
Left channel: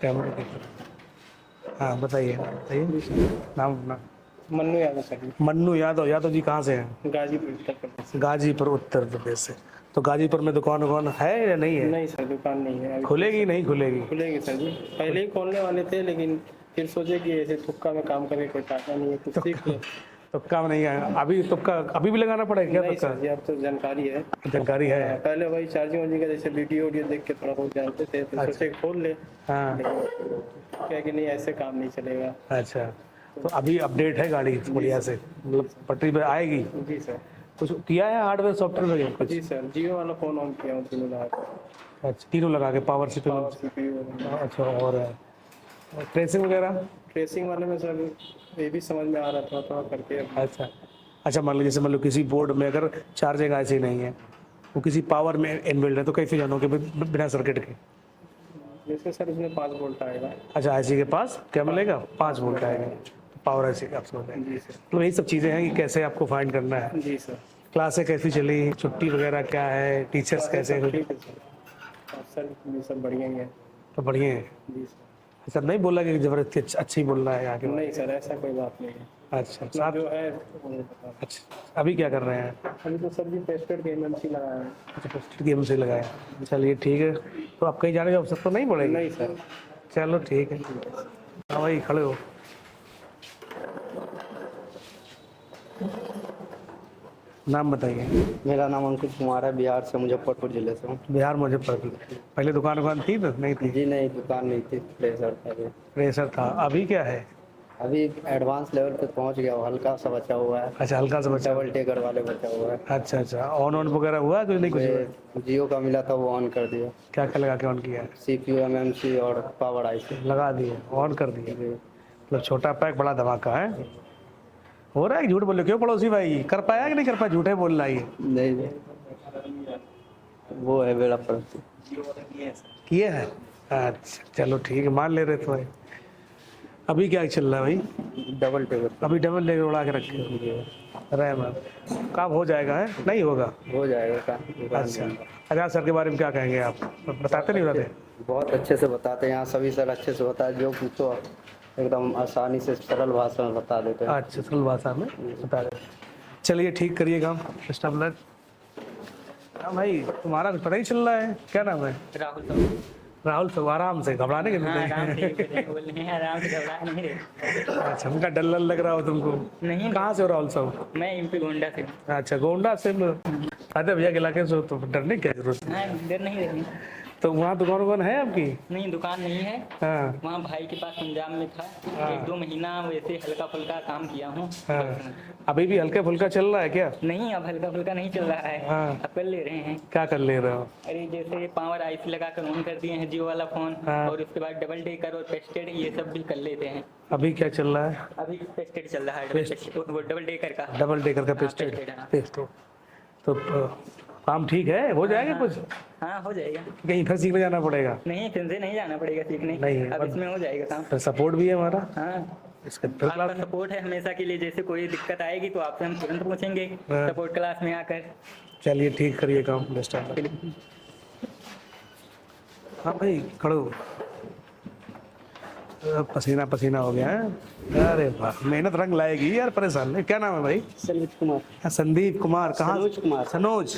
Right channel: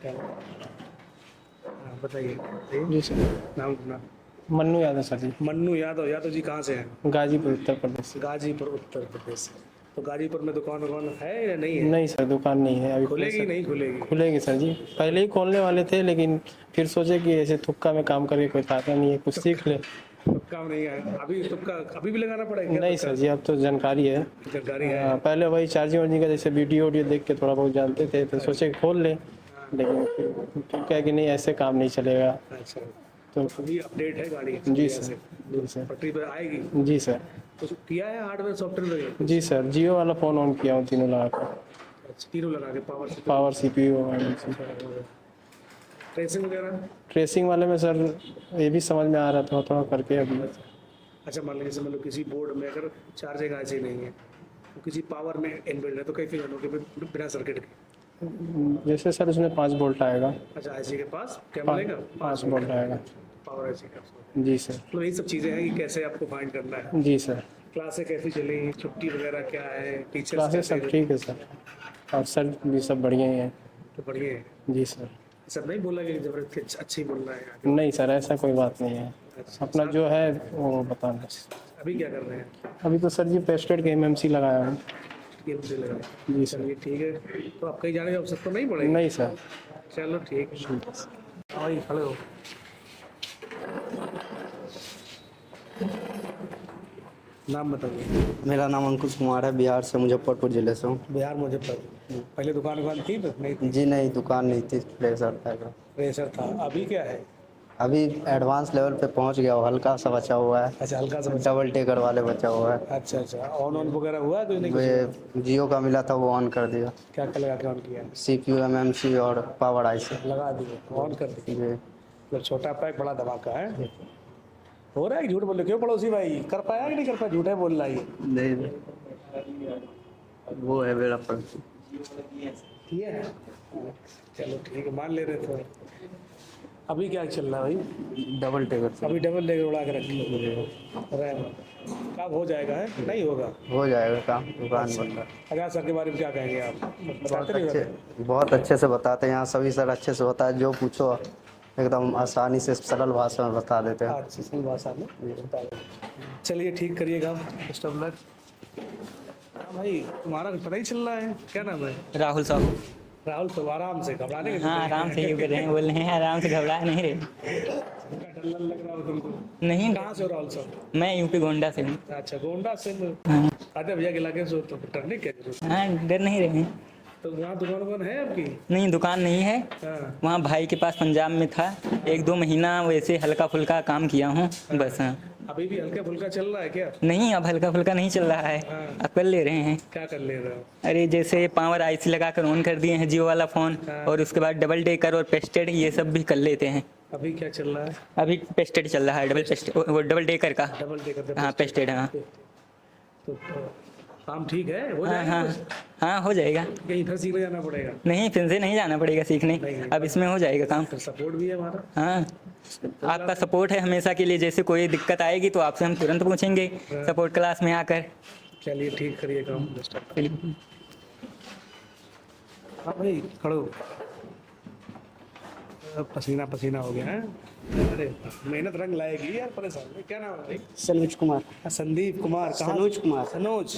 कैमरा देखिए। हाँ बताइए बताइए। जी सर, नाम अपना? मन्नू यादव सर जी, मन्नू यादव। यादव जी कहाँ से हैं? गाजीपुर उत्तर प्रदेश। गाजीपुर उत्तर प्रदेश से। तो गाजीपुर में दुकान है या नहीं है? नहीं सर, दुकान नहीं है अभी। खुलेगी नहीं खुलेगी? खुलेगी सर जी, पहले ही खोलने वाले थे, लेकिन फिर सोचे कि ऐसे तुक्का में काम करके कोई फायदा नहीं है, कुछ सीख ले। तुक्का में नहीं है अभी? तुक्का अभी भी लगाना पड़ेगा क्या? नहीं सर जी, अब तो जानकारी है। जानकारी है? हाँ, पहले वही चार्जिंग वार्जिंग का जैसे वीडियो देख के थोड़ा बहुत जानते थे, तो सोचे कि खोल ले। हाँ। लेकिन फिर क्या कि नहीं, ऐसे काम नहीं चलेगा। अच्छा, तो अभी अपडेट है गाड़ी बढ़िया से, मतलब पटरी पे आएगी? जी सर। कुछ किया है हार्डवेयर सॉफ्टवेयर वगैरह? जी सर, जियो वाला फ़ोन ऑन किया हूँ, तीनों लगा कर। अच्छा, तीनों लगा के पावर से? Power CPU. अच्छा, और ट्रेसिंग वगैरह? ट्रेसिंग वाले में सर ये भी समझ में आ रहा था थोड़ा करके अभी। अच्छा अच्छा, मान लो जैसे मान लो किसी बोर्ड में अगर चार्जिंग ऐसी नहीं है, वो किसी पावर में इनबिल्ड है, तो कैसे जानोगे बिना सर्किट के? जैसे सर उसमें 5 वोल्ट आएगा। अच्छा, ऐसी के पास क्या मिलेगा? 5 वोल्ट आएगा पावर ऐसी का आपको? जी सर। तो यही सब चीज़ें हैं कि कैसे आपको फाइंड करना है। जी सर। क्लासें कैसी चली, छुट्टी वगैरह क्या है, टीचर्स कैसे सर हैं? ठीक है सर, और सर भी सब बढ़िया हैं। तो बढ़िया है? जी सर। सर नहीं बोला कि जबरदस्ती अच्छी बोल रहा है आगे? नहीं सर, ऐसा कोई बात नहीं है। अच्छा, अपना जो है वो बताना। अच्छा, अभी क्या कर रहे हैं? अभी तो सर जी पेस्टेड के एमएमसी लगाया हूँ। गेम से लगाया? चलिए ठीक है। तो आप कहीं जाने की आवश्यकता तो नहीं पड़ेगी? नहीं सर। चलो ठीक है। हाँ भाई, खड़े हो। नाम बताइए। मेरा नाम अंकुश कुमार है, बिहार से, मुजफ्फरपुर जिले से हूँ। बिहार मुजफ्फरपुर। पहले दुकान थी तो नहीं थी? जी नहीं, दुकान नहीं थी, प्रेशर था अभी। प्रेशर था। अभी क्या है? अभी एडवांस लेवल पे पहुँच गया, वो हल्का सा बचा हुआ है। अच्छा, हल्का सा बचा। डबल टेकर वाले बचा हुआ है। अच्छा अच्छा, ऑन वगैरह हुआ तो नहीं? कुछ वे जियो का मिला था, वो ऑन कर दिया। क्या क्या लगा के ऑन किया है? CPU MMC और पावर IC लगा दिए, ऑन कर दिए। जी। मतलब छोटा पैक बड़ा धमाका है। हो रहा है? झूठ बोले क्यों पड़ोसी भाई? कर पाया कि नहीं कर पाया? झूठे बोल रहा है। नहीं, वो है मेरा पर। किया है? अच्छा चलो ठीक है, मान ले रहे तो। अभी क्या चल रहा है भाई? Double taker. अभी डबल लेकर उड़ा के रखे रैम। काम हो जाएगा है? नहीं होगा? हो जाएगा काम, दुकान अच्छा। बन रहा है। आजाद सर के बारे में क्या कहेंगे आप? बताते नहीं बताते? बहुत अच्छे से बताते हैं यहाँ, सभी सर अच्छे से होता है, जो पूछो एकदम आसानी से सरल भाषा में बता देते हैं। अच्छा, सरल भाषा में बता रहे। चलिए ठीक करिएगा आप, बेस्ट ऑफ लक। हाँ भाई, तुम्हारा पता ही चल रहा है, क्या नाम है? राहुल साहब। राहुल साहब, आराम से, घबराने के हाँ, आराम से ही कर रहे हैं, बोल रहे हैं आराम से, घबरा नहीं रहे। अच्छा, उनका डर लग रहा हो तुमको? नहीं, कहाँ से हो राहुल साहब? मैं यूपी गोंडा से हूँ। अच्छा, गोंडा से। अरे भैया के इलाके से तो डरने की क्या जरूरत है? हाँ, डर नहीं रहे हैं। तो वहाँ दुकान है आपकी? नहीं, दुकान नहीं है। हाँ। वहाँ भाई के पास पंजाब में था। 1-2 महीना वैसे हल्का फुल्का काम किया हूँ बस। हाँ। अभी भी हल्का फुल्का चल रहा है क्या? नहीं, अब हल्का फुल्का नहीं चल रहा है। हाँ। अब कर ले रहे हैं। क्या कर ले रहे हो? अरे जैसे पावर IC लगा कर ऑन कर दिए हैं जियो वाला फोन। और उसके बाद डबल डेकर और पेस्टेड ये सब भी कर लेते हैं। अभी क्या चल रहा है? अभी पेस्टेड चल रहा है, डबल डेकर का। डबल डेकर का हाँ, पेस्टेड। हाँ। तो काम ठीक है, हो जाएगा हाँ, कुछ? हाँ, हो जाएगा। कहीं फिर सीखने जाना पड़ेगा? नहीं, फिर से नहीं जाना पड़ेगा सीखने। नहीं, अब इसमें हो जाएगा काम। तो सपोर्ट भी है हमारा। हाँ, आपका सपोर्ट है हमेशा के लिए। जैसे कोई दिक्कत आएगी तो आपसे हम तुरंत पूछेंगे सपोर्ट क्लास में आकर। चलिए ठीक करिए काम, बेस्ट ऑफ लक। हाँ भाई, खड़ो। पसीना पसीना हो गया है। अरे वाह, मेहनत रंग लाएगी यार, परेशान नहीं। क्या नाम है भाई? सनोज कुमार। संदीप कुमार। कहाँ? सनोज कुमार। सनोज।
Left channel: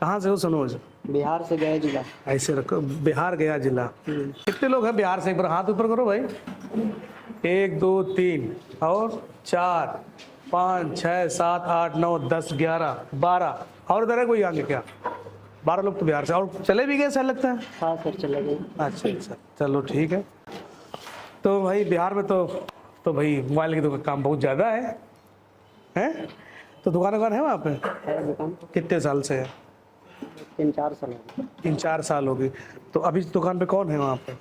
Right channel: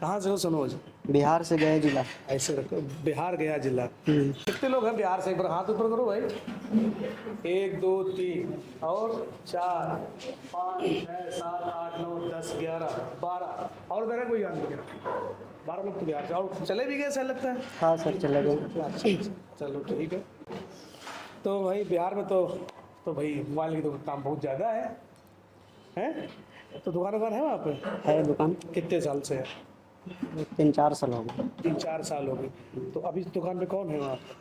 कहाँ से हो सनोज? बिहार से गया जिला। ऐसे रखो, बिहार गया जिला। कितने लोग हैं बिहार से? एक बार हाथ ऊपर करो भाई। 1 2 3 और 4 5 6 7 8 9 10 11 12 और इधर है कोई आगे क्या? 12 लोग तो बिहार से। और चले भी गए ऐसा लगता है। हाँ सर, चले गए। अच्छा अच्छा, चलो ठीक है। तो भाई बिहार में तो भाई मोबाइल की तो काम बहुत ज़्यादा है? तो दुकान है वहाँ पे? है दुकान। कितने साल से है? 3-4 साल हो गए। 3-4 साल हो गए। तो अभी दुकान पे कौन है वहाँ पे?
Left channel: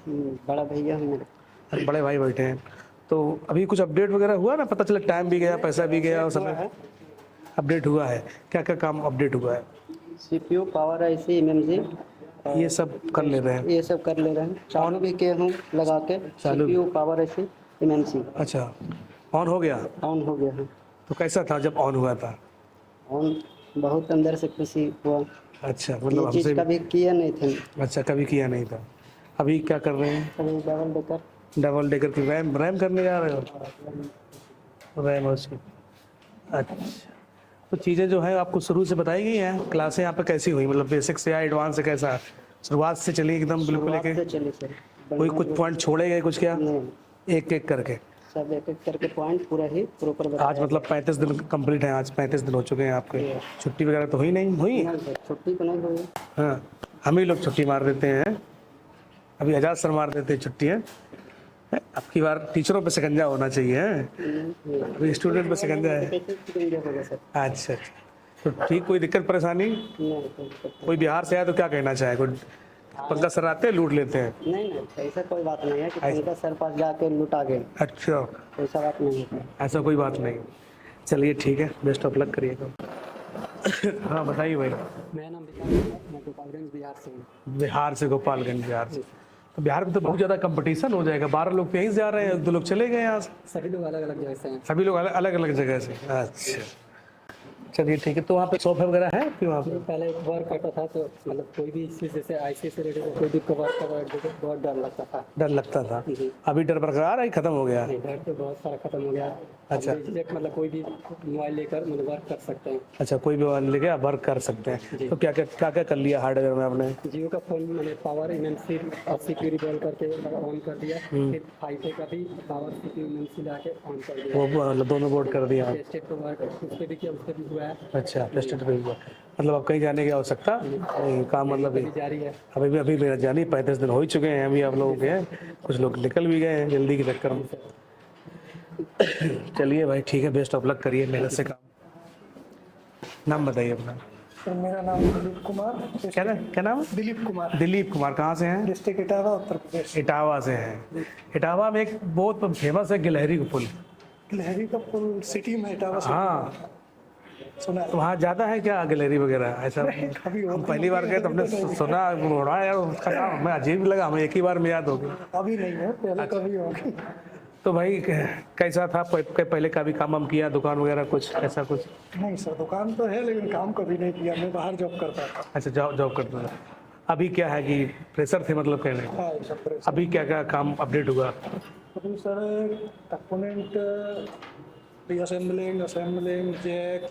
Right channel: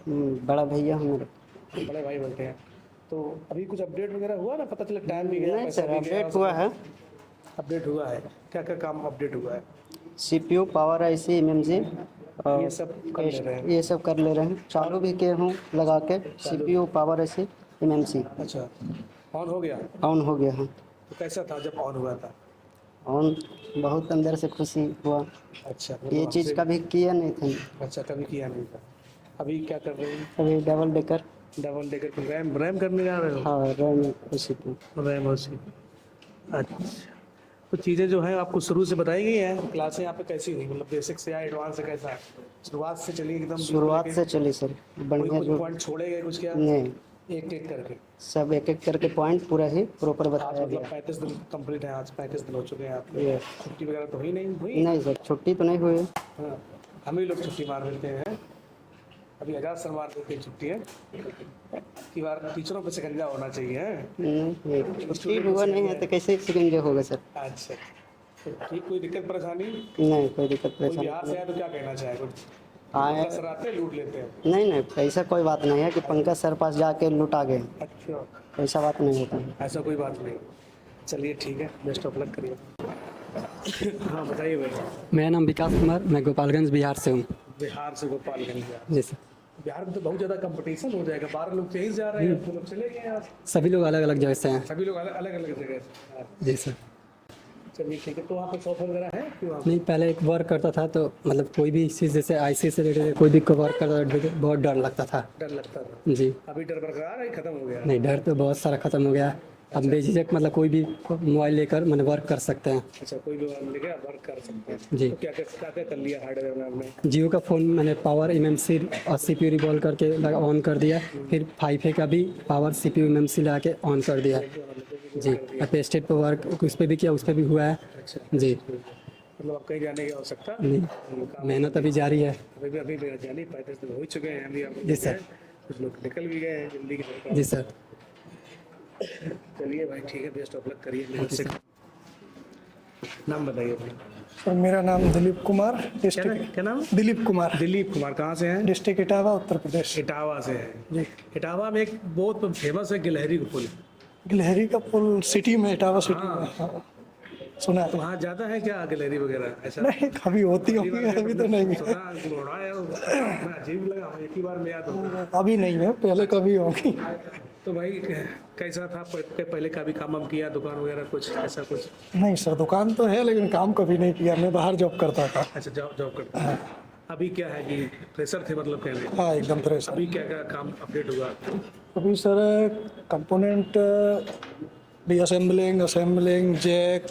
बड़ा भैया हैं मेरे। बड़े भाई बैठे हैं। तो अभी कुछ अपडेट वगैरह हुआ ना? पता चला टाइम भी गया, पैसा भी गया। हुआ है। अपडेट हुआ है? क्या क्या काम अपडेट हुआ है? CPU, पावर IC, MMC ये सब कर ले रहे हैं? ये सब कर ले रहे हैं। चालू भी किए हूँ लगा के। CPU, power IC, MMC। अच्छा, ऑन हो गया? ऑन हो गया है। तो कैसा था जब ऑन हुआ था? ऑन बहुत अंदर से खुशी हुआ। अच्छा, ये मतलब चीज़ हमसे। कभी किया नहीं थे। अच्छा, कभी किया नहीं था। अभी क्या कर रहे हैं? कभी डबल डेकर। डबल डेकर की रैम करने जा रहे हो? हाँ, रैम CPU। रैम उसी। अच्छा, तो चीज़ें जो है आपको शुरू से बताई गई हैं? क्लासें यहाँ पे कैसी हुई? मतलब बेसिक से या एडवांस से कैसा? शुरुआत से चली एकदम बिल्कुल शुरुआत लेके? से चली सर। कोई कुछ पॉइंट छोड़े गए कुछ क्या? नहीं, एक एक करके? सब एक एक करके पॉइंट पूरा ही प्रॉपर बताया। आज मतलब 35 दिन कंप्लीट है। आज 35 दिन हो चुके हैं आपके। छुट्टी वगैरह तो हुई नहीं? हुई? नहीं सर, छुट्टी तो नहीं हुई। हाँ, हम ही लोग छुट्टी मार देते हैं। अभी आजाद सर मार देते हैं छुट्टी है। अब की बार टीचरों पे शिकंजा होना चाहिए। स्टूडेंट पे शिकंजा है। कैसे शिकंजा होगा सर? अच्छा, तो ठीक, कोई दिक्कत परेशानी? नहीं, कोई दिक्कत नहीं। कोई बिहार से आया तो क्या कहना चाहे? कोई पंकज सर आते हैं, लूट लेते हैं? नहीं नहीं, ऐसा कोई बात नहीं है कि पंकज सर पास जाके लुटा गए। अच्छा, ऐसा बात नहीं होता है। ऐसा कोई बात नहीं। चलिए ठीक है, बेस्ट ऑफ लक करिएगा। हाँ बताइए भाई। मेरा नाम विकास कुमार, मैं गोपालगंज बिहार से हूँ। बिहार से? गोपालगंज बिहार जी से। सर। बिहार में तो बहुत ज़्यादा कंपटीशन हो जाएगा। 12 लोग तो यहीं से जा रहे हैं, 2 लोग चले गए यहाँ से। सभी लोग अलग अलग जगह से हैं। सभी लोग अलग अलग जगह से? अच्छा, चलिए ठीक है। तो वहाँ पे सॉफ्टवेयर वगैरह है कि वहाँ पे? नहीं, पहले एक वर्क करता था तो मतलब कोई भी चीज़ जैसे IC से रिलेटेड कोई भी वर्क करता था, बहुत डर लगता था। डर लगता था? जी। अभी डर बरकरार है, खत्म हो गया? नहीं, डर तो बहुत सारा खत्म हो गया। आप बेझिझक मतलब कोई भी मोबाइल लेकर मतलब वर्क कर सकते हैं। अच्छा, कोई भी मोबाइल लेके आप वर्क कर सकते हैं। जी। तो क्या कर लिया हार्डवेयर में आपने? जियो का फ़ोन मैंने पावर MMC और CPU रिवॉल्व करके ऑन कर दिया, फिर 5A का भी पावर CPU MMC लगा के ऑन कर दिया। वो दोनों बोर्ड कर दिया। पेस्टेड पर वर्क उस पर भी किया, उस पर भी हुआ है। अच्छा, जी। मतलब अब कहीं जाने की आवश्यकता नहीं, काम मेहनत अभी जारी है। अभी मेरा जानी 35 दिन हो ही चुके हैं अभी आप लोगों जी के। कुछ लोग निकल भी गए हैं जल्दी के चक्कर में। जी सर। चलिए भाई ठीक है, बेस्ट ऑफ लक करिए मेहनत से। नाम बताइए अपना। सर मेरा नाम दिलीप कुमार। क्या नाम? दिलीप कुमार। दिलीप कुमार। कहाँ से हैं? डिस्ट्रिक्ट इटावा, उत्तर प्रदेश। इटावा से हैं। इटावा में एक बहुत फेमस है गिलहरी का पुल। गिलहरी का पुल सिटी में, इटावा सिटी में। हाँ, सुना है। तो वहाँ ज़्यादा है क्या गिलहरी वगैरह ऐसा? नहीं, कभी होती पहली बार होगी, गए अभी तो तुमने नहीं। सुना उड़ा यार, उसका नाम हमें अजीब लगा, हमें एक ही बार में याद हो गया। अभी नहीं है, पहले कभी होगी। तो भाई कैसा था पहले का भी काम हम किया, दुकान वगैरह कुछ ऐसा कुछ? नहीं सर, दुकान तो है लेकिन काम कभी नहीं किया। मैं बाहर जॉब करता था। अच्छा, जॉब करते हैं। अभी क्या है कि प्रेशर थे मतलब कहने? हाँ एकदम फ्रेश। अभी क्या क्या काम अपडेट हुआ? अभी सर कंपोनेंट भी assembling, jack,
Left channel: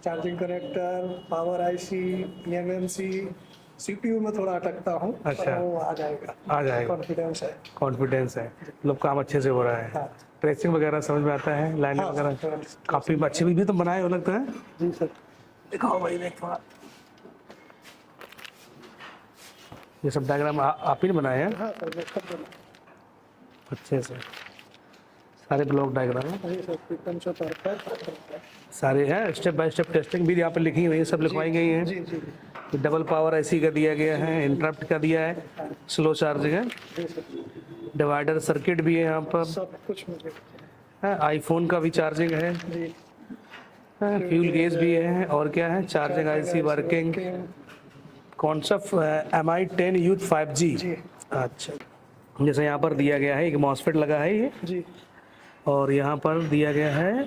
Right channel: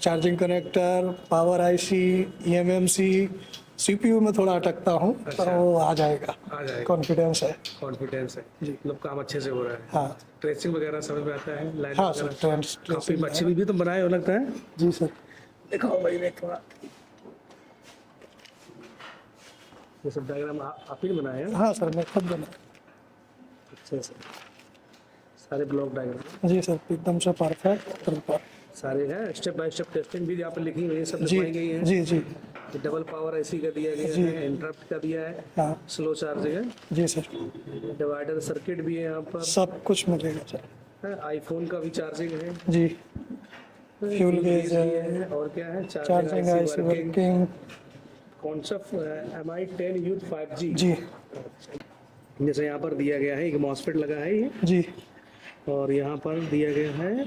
charging connector, power IC, EMMC, CPU में थोड़ा अटकता हूँ। अच्छा। तो वो आ जाएगा। कॉन्फिडेंस है। कॉन्फिडेंस है, मतलब काम अच्छे से हो रहा है। हाँ। ट्रेसिंग वगैरह समझ में आता है? लाइन हाँ वगैरह सर, काफी अच्छे भी तो बनाए हो लगता है। जी सर। दिखाओ भाई देख थोड़ा। ये सब डायग्राम आप ही ने बनाए हैं? हाँ सर, मैं खुद बना। अच्छे से सारे ब्लॉक डायग्राम। जी सर, एकदम से परफेक्ट। सारे हैं, स्टेप बाय स्टेप टेस्टिंग भी यहाँ पे लिखी हुई है, सब लिखवाई गई हैं। जी जी। डबल पावर IC का दिया गया है, इंटरप्ट का दिया है, हाँ। स्लो चार्जिंग है, जी सर, डिवाइडर सर्किट भी है यहाँ पर, सब कुछ मिलेगा सर। आईफोन का भी चार्जिंग है, जी, फ्यूल गेज भी है, और क्या है, चार्जिंग IC वर्किंग, कौन सा MI10 यूथ 5G। जी। अच्छा, जैसे यहाँ पर दिया गया है एक मॉसफेट लगा है ये, जी, और यहाँ पर दिया गया है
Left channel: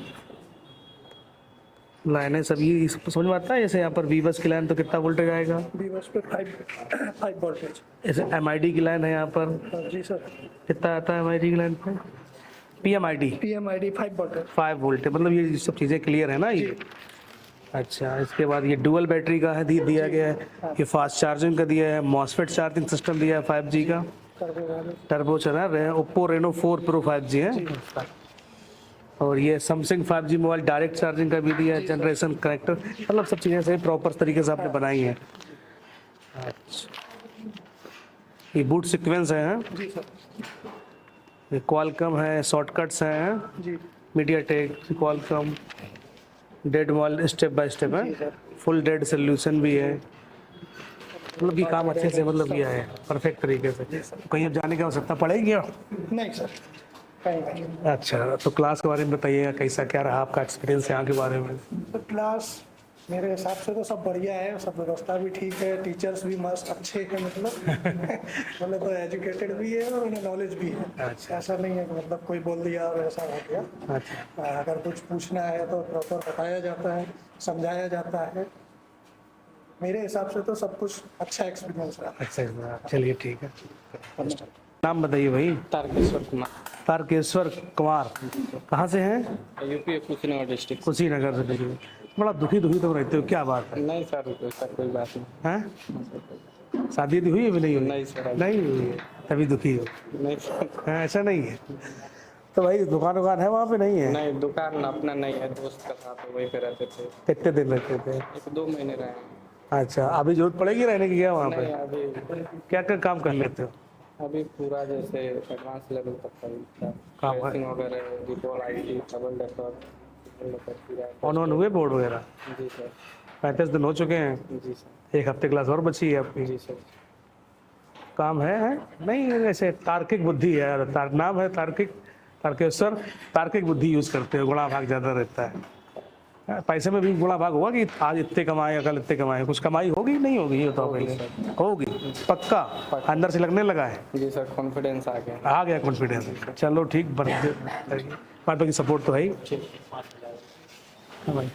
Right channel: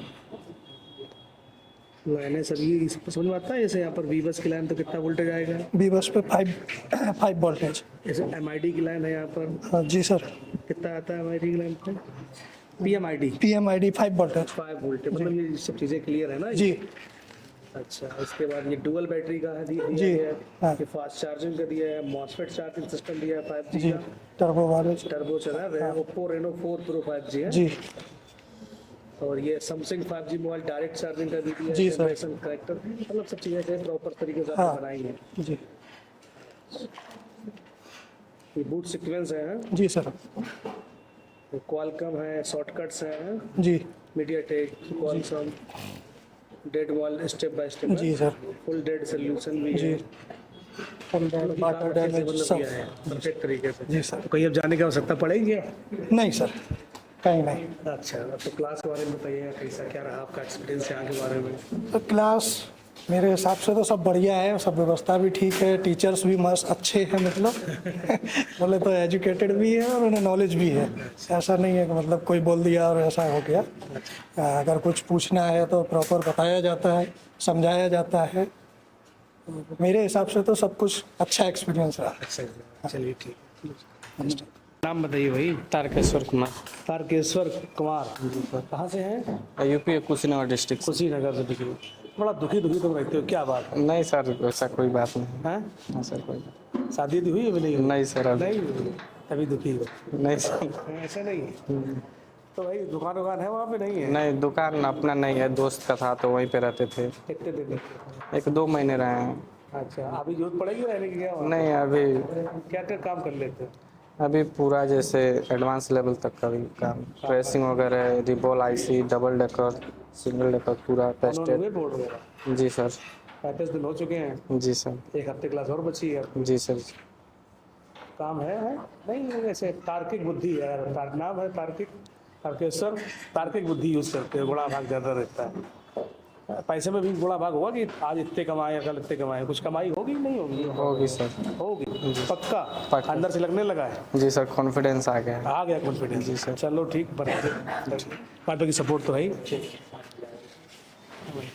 लाइनें सभी समझ में आता है। जैसे यहाँ पर V-बस की लाइन तो कितना वोल्टेज आएगा? V-बस पे 5 वोल्टेज। ऐसे MID की लाइन है यहाँ पर, हाँ जी सर। कितना आता है MID की लाइन पे? PMID 5 voltage. 5 वोल्ट, मतलब ये सब चीज़ें क्लियर है ना जी। ये? अच्छा, इसके बाद ये डुअल बैटरी का है दिया गया है, हाँ। ये फास्ट चार्जिंग का दिया है, मॉसफेट चार्जिंग सिस्टम दिया है 5G का, टर्बो चला है, ओप्पो रेनो 4 प्रो 5G है जी। और ये Samsung 5G mobile direct charging का भी दिया है, जनरेशन कनेक्टर, मतलब सब चीज़ें ऐसे प्रॉपर तरीके से आपने हाँ। बनाई हैं। जी। ये बूट सीक्वेंस है, हाँ? जी सर। ये क्वालकॉम है, शॉर्टकट्स हैं जी। मीडियाटेक, क्वालकॉम, डेड मॉल स्टेप बाय स्टेप जी है, सर। फुल डेड सोल्यूशन भी है, मतलब कि काम अच्छे से मतलब किया है परफेक्ट तरीके से। जी सर। कहीं अब जाने की आवश्यकता पड़ेगी क्या? नहीं सर, कहीं नहीं। अच्छा, तो क्लास के बारे में बताइएगा, कैसा क्या रहा आपका एक्सपीरियंस यहाँ के बारे में? तो क्लास मेरे हिसाब से तो सब बढ़िया है, सब व्यवस्था भी ठीक है, टीचर्स भी मस्त अच्छे हैं, मतलब बोले तो एजुकेटेड भी है और उन्हें नॉलेज भी है। ऐसा नहीं है कि मतलब कोई बोल दिया और ऐसा हो गया। अच्छा, अगर कुछ पूछना है तो प्रॉपर बताया जाता है, समझाया जाता है। तो मेरे हिसाब से तो सब कुछ अच्छा एक्सपीरियंस रहा। अच्छा, चलिए ठीक है। नाम बताइए भाई। तारकेश्वर कुमार। तारकेश्वर कुमार, कहाँ से हैं? UP Kushinagar district. कुशीनगर से। देखिए बड़ा दुखी तुम रहते हो, क्या बात है? नहीं सर, वैसा कोई बात नहीं हैं? है सर। कोई शादी हुई अभी नहीं हुई? नहीं सर, अभी नहीं हुई है, तभी दुखी हो? नहीं सर। हाँ, ऐसा नहीं है तो भाई दुकान है वहाँ पे? नहीं है? नहीं, दुकान अपना नहीं है, दोस्त का था तो वहीं पे रहते थे। कितने दिन रहते थे? 1-2 महीने रहे हैं। अच्छा, अभी जरूरत पड़ेगी रहने की क्या वहाँ पे? नहीं, अभी क्या क्या काम कर लेते हो? अभी पूरा जैसे एडवांस लेवल तक का भी काम, ट्रेसिंग वगैरह, रिबॉल IC, double decker, single decker, पूरा ऑन हुए बोर्ड वगैरह? जी सर। 35 दिन हो चुके हैं। जी सर। एक हफ्ते क्लास और बची है आपकी? जी सर। काम है? नहीं, ऐसे तार्किक बुद्धि है यार, नाम है तार्किक, तारकेश्वर, तार्किक बुद्धि यूज करते हो, गुणा भाग ज्यादा रहता है। पैसे में भी गुणा भाग होगा कि आज इतने कमाए कल इतने कमाए, कुछ कमाई होगी नहीं होगी? ये होगी सर। होगी पक्का? अंदर से लगने लगा है? जी सर, कॉन्फिडेंस आ गया। आ गया कॉन्फिडेंस? चलो ठीक, बात की सपोर्ट तो है ही। हाँ भाई,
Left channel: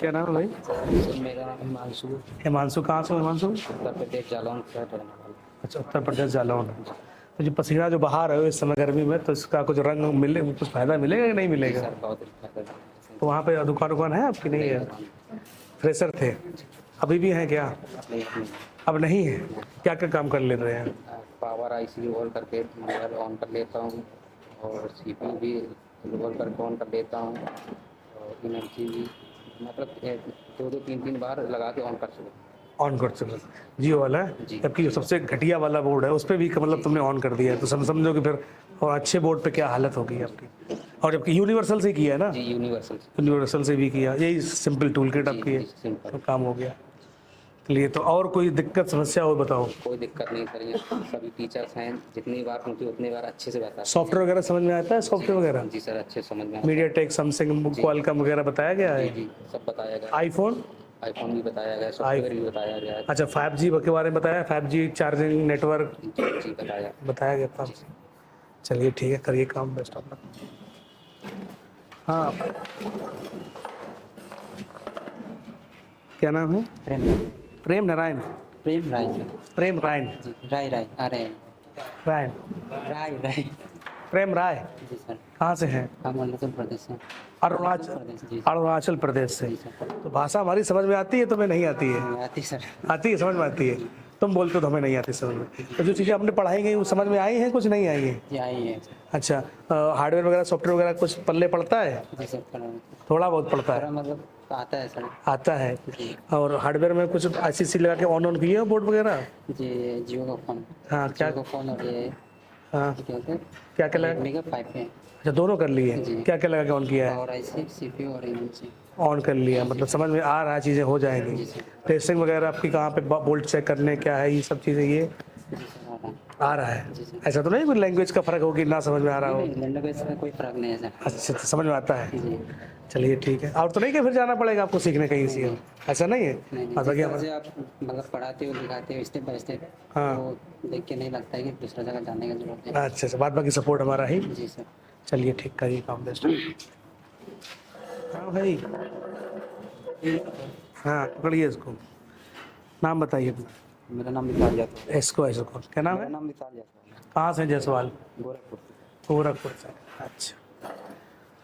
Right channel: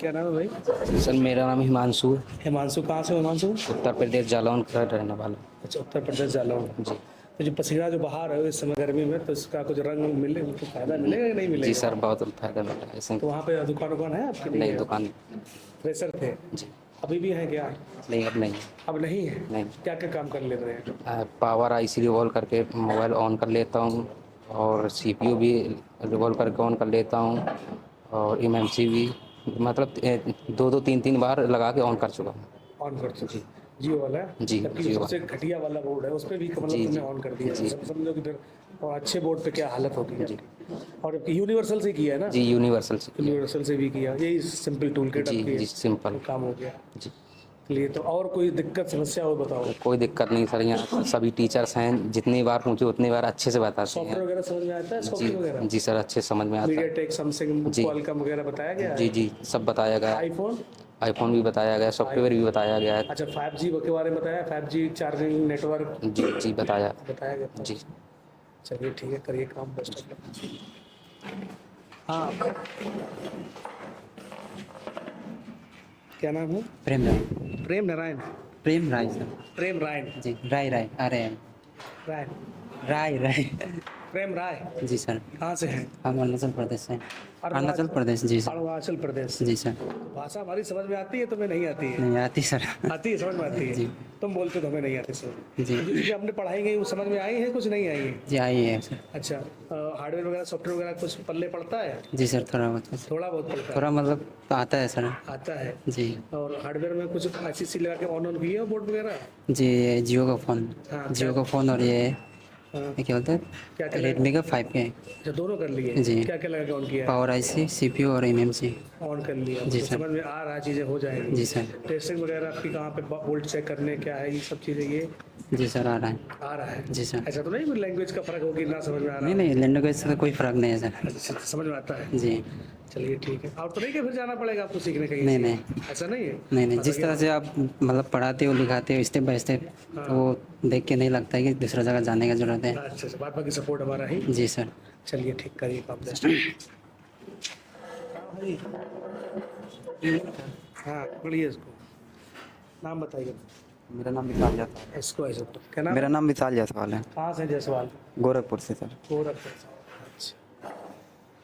क्या नाम है भाई? सर मेरा नाम हिमांशु। हिमांशु, कहाँ से? हिमांशु उत्तर प्रदेश जालौन का रहने वाला। अच्छा, उत्तर प्रदेश जालौन जी। तो जो पसीना जो बहा रहे हो इस समय गर्मी में, तो इसका कुछ रंग मिले, कुछ फायदा मिलेगा या नहीं जी मिलेगा? सर बहुत फायदा मिल रहा है इसमें। तो वहाँ पे दुकान है आपकी? नहीं है। दुकान फ्रेशर थे, अभी भी है क्या? नहीं अब नहीं। अब नहीं है। नहीं। क्या क्या काम कर ले रहे हैं? पावर आईसी रिवॉल्व करके मोबाइल ऑन कर लेता हूँ, और सीपीयू भी रिवॉल्व करके ऑन कर लेता हूँ, और एमएमसी भी मतलब 2-3 बार लगा के ऑन कर चुका हूँ। ऑन कर चुके जियो वाला है? जी, जबकि जियो सबसे घटिया वाला बोर्ड है उस पर भी मतलब तुमने ऑन कर दिया है, तो समझो कि फिर और अच्छे बोर्ड पे क्या हालत होगी आपकी। और जबकि यूनिवर्सल से किया है ना? जी यूनिवर्सल से। यूनिवर्सल से भी किया, यही सिंपल टूल किट आपकी जी सिंपल काम हो गया। जी। चलिए, तो और कोई दिक्कत समस्या हो बताओ? कोई दिक्कत नहीं सर, यहाँ सभी टीचर्स हैं, जितनी बार पूछे उतनी बार अच्छे से बताते हैं। सॉफ्टवेयर वगैरह समझ में आता है? सॉफ्टवेयर वगैरह जी सर अच्छे से समझ में आता है। मीडियाटेक, सैमसंग, क्वालकॉम वगैरह बताया गया है? जी जी सब बताया गया है। आईफोन भी बताया गया है, सॉफ्टवेयर भी बताया गया है। अच्छा, 5G के बारे में बताया? 5G चार्जिंग नेटवर्क जी बताया गया था। जी चलिए ठीक है, करिए काम, बेस्ट ऑफ लक। हाँ, क्या नाम है? प्रेम नारायण। प्रेम राय सर। प्रेम रायन जी राय राय रायन राय प्रेम राय। जी सर। कहाँ से हैं? हम अरुणाचल प्रदेश से। अरुणाचल प्रदेश जी सर। अरुणाचल प्रदेश से। जी सर। तो भाषा हमारी समझ में आती है, तुम्हें नहीं आती है? नहीं आती सर। आती है, समझ में आती है। तुम बोलते हो तो हमें नहीं आती समझ में। तो जो चीज़ें हमने पढ़ाई गई वो समझ में आई हैं, कुछ नहीं आई है? जी आई है सर। अच्छा, हार्डवेयर वगैरह सॉफ्टवेयर वगैरह कुछ पल्ले पड़ता है? जी सर थोड़ा बहुत पड़ता है? थोड़ा मतलब आता है सर। आता है जी। और हार्डवेयर में कुछ ICC लगा के ऑन किए हो बोर्ड वगैरह? जी जियो का फ़ोन। हाँ, जियो का फ़ोन, और ये क्या बोलते हैं, क्या रेडमी का 5K। अच्छा, दोनों कर लिए? जी। क्या क्या लगा के ऑन किया है? पावर आईसी, सीपीयू और एमएमसी ऑन कर लिया, मतलब समझ में आ रहा है, चीज़ें हो जाएंगी। जी सर। टेस्टिंग वगैरह आपकी कहाँ पे बोल्ट चेक करने क्या है, ये सब चीज़ें ये जी सर आ रहा है। जी सर। ऐसा तो नहीं कोई लैंग्वेज का फर्क हो कि ना समझ में आ रहा हो? नहीं लैंग्वेज से कोई फ़र्क नहीं है सर। अच्छा, समझ में आता है। जी। चलिए ठीक है। और तो नहीं कि फिर जाना पड़ेगा आपको सीखने कहीं से? नहीं। ऐसा नहीं है? नहीं जिस तरह से आप मतलब पढ़ाते हो लिखाते हो स्टेप बाय स्टेप, तो देख के नहीं लगता है कि दूसरा जगह जाने की जरूरत है। अच्छा, बाद बाकी सपोर्ट हमारा ही। जी सर। चलिए ठीक, करिए काम बेस्ट। हाँ भाई, हाँ पकड़िए इसको। नाम बताइए अपना। मेरा नाम विशाल जायसवाल। इसको क्या नाम? मेरा नाम विशाल जायसवाल है। कहाँ से जायसवाल? गोरखपुर से सर। गोरखपुर से। अच्छा,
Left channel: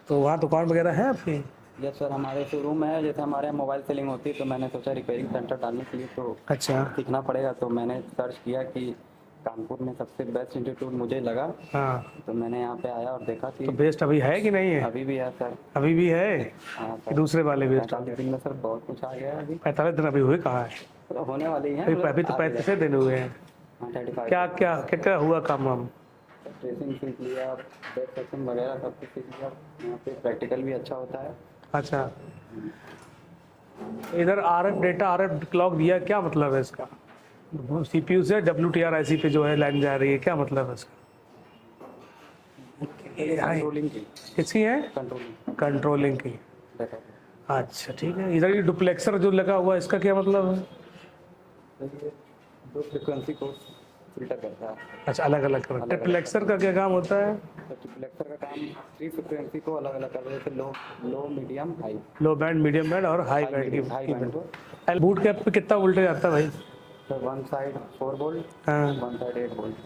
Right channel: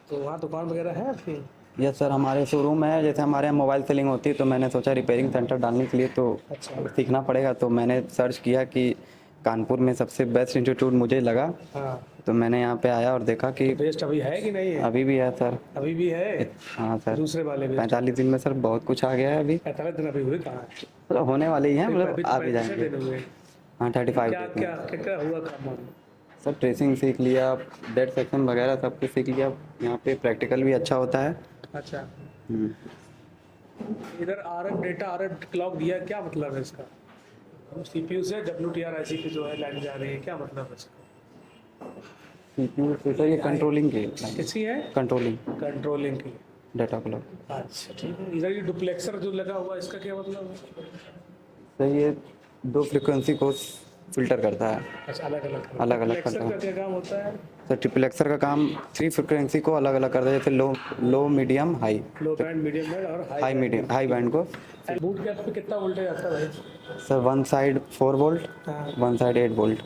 तो वहाँ दुकान वगैरह है आपकी? यस सर, हमारे शोरूम है। जैसे हमारे यहाँ मोबाइल सेलिंग होती है, तो मैंने सोचा रिपेयरिंग सेंटर डालने के लिए तो अच्छा सीखना पड़ेगा। तो मैंने सर्च किया कि कानपुर में सबसे बेस्ट इंस्टीट्यूट मुझे लगा। हाँ। तो मैंने यहाँ पे आया और देखा कि तो बेस्ट अभी है कि नहीं है? अभी भी है सर। अभी भी है? हाँ सर। दूसरे वाले भी? 45 दिन में सर बहुत कुछ आ गया है। अभी 45 दिन अभी हुए कहाँ है? सर होने वाले ही हैं। अभी तो 35 दिन हुए हैं। हाँ 35। क्या हुआ काम वाम? सर ट्रेसिंग सीख लिया, डेट सेक्शन वगैरह सब कुछ सीख लिया। यहाँ पे प्रैक्टिकल भी अच्छा होता है। अच्छा, इधर RF डेटा, RF क्लॉक दिया, क्या मतलब है इसका? CPU से WTR IC पे जो है लाइन जा रही है, क्या मतलब है इसका? CPU कंट्रोलिंग की। किसकी है? कंट्रोलिंग की डेटा क्लॉक। अच्छा ठीक है। इधर ये डुप्लेक्सर जो लगा हुआ है, इसका क्या मतलब है? तो ये 2 फ्रीक्वेंसी को फिल्टर करता है। अच्छा, अलग अलग ट्रिप्लेक्सर का क्या काम होता है? तो ट्रिप्लेक्सर का काम 3 फ्रीक्वेंसी को अलग अलग करता है, जैसे low medium high. Low band, medium band और हाई बैंड को। बूट कैप पे कितना वोल्टेज आता है भाई? सर 1 साइड 4 वोल्ट, हाँ। 1 side 8 volt.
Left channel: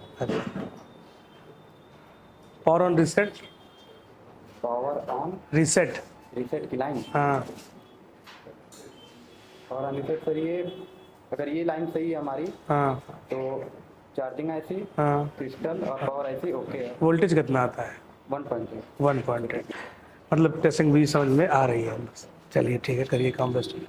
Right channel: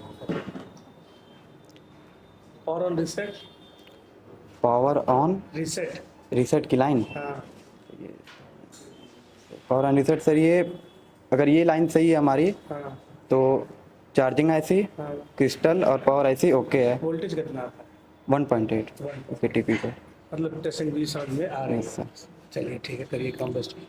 Power on reset? Power on reset की लाइन। हाँ। पावर ऑन रिसेट सर, ये अगर ये लाइन सही है हमारी, हाँ, तो चार्जिंग IC, हाँ, क्रिस्टल और पावर IC ओके है। वोल्टेज कितना आता है? 1.8 1.8 TP को। मतलब टेस्टिंग भी समझ में आ रही है। चलिए ठीक है, करिए काम दोस्तों।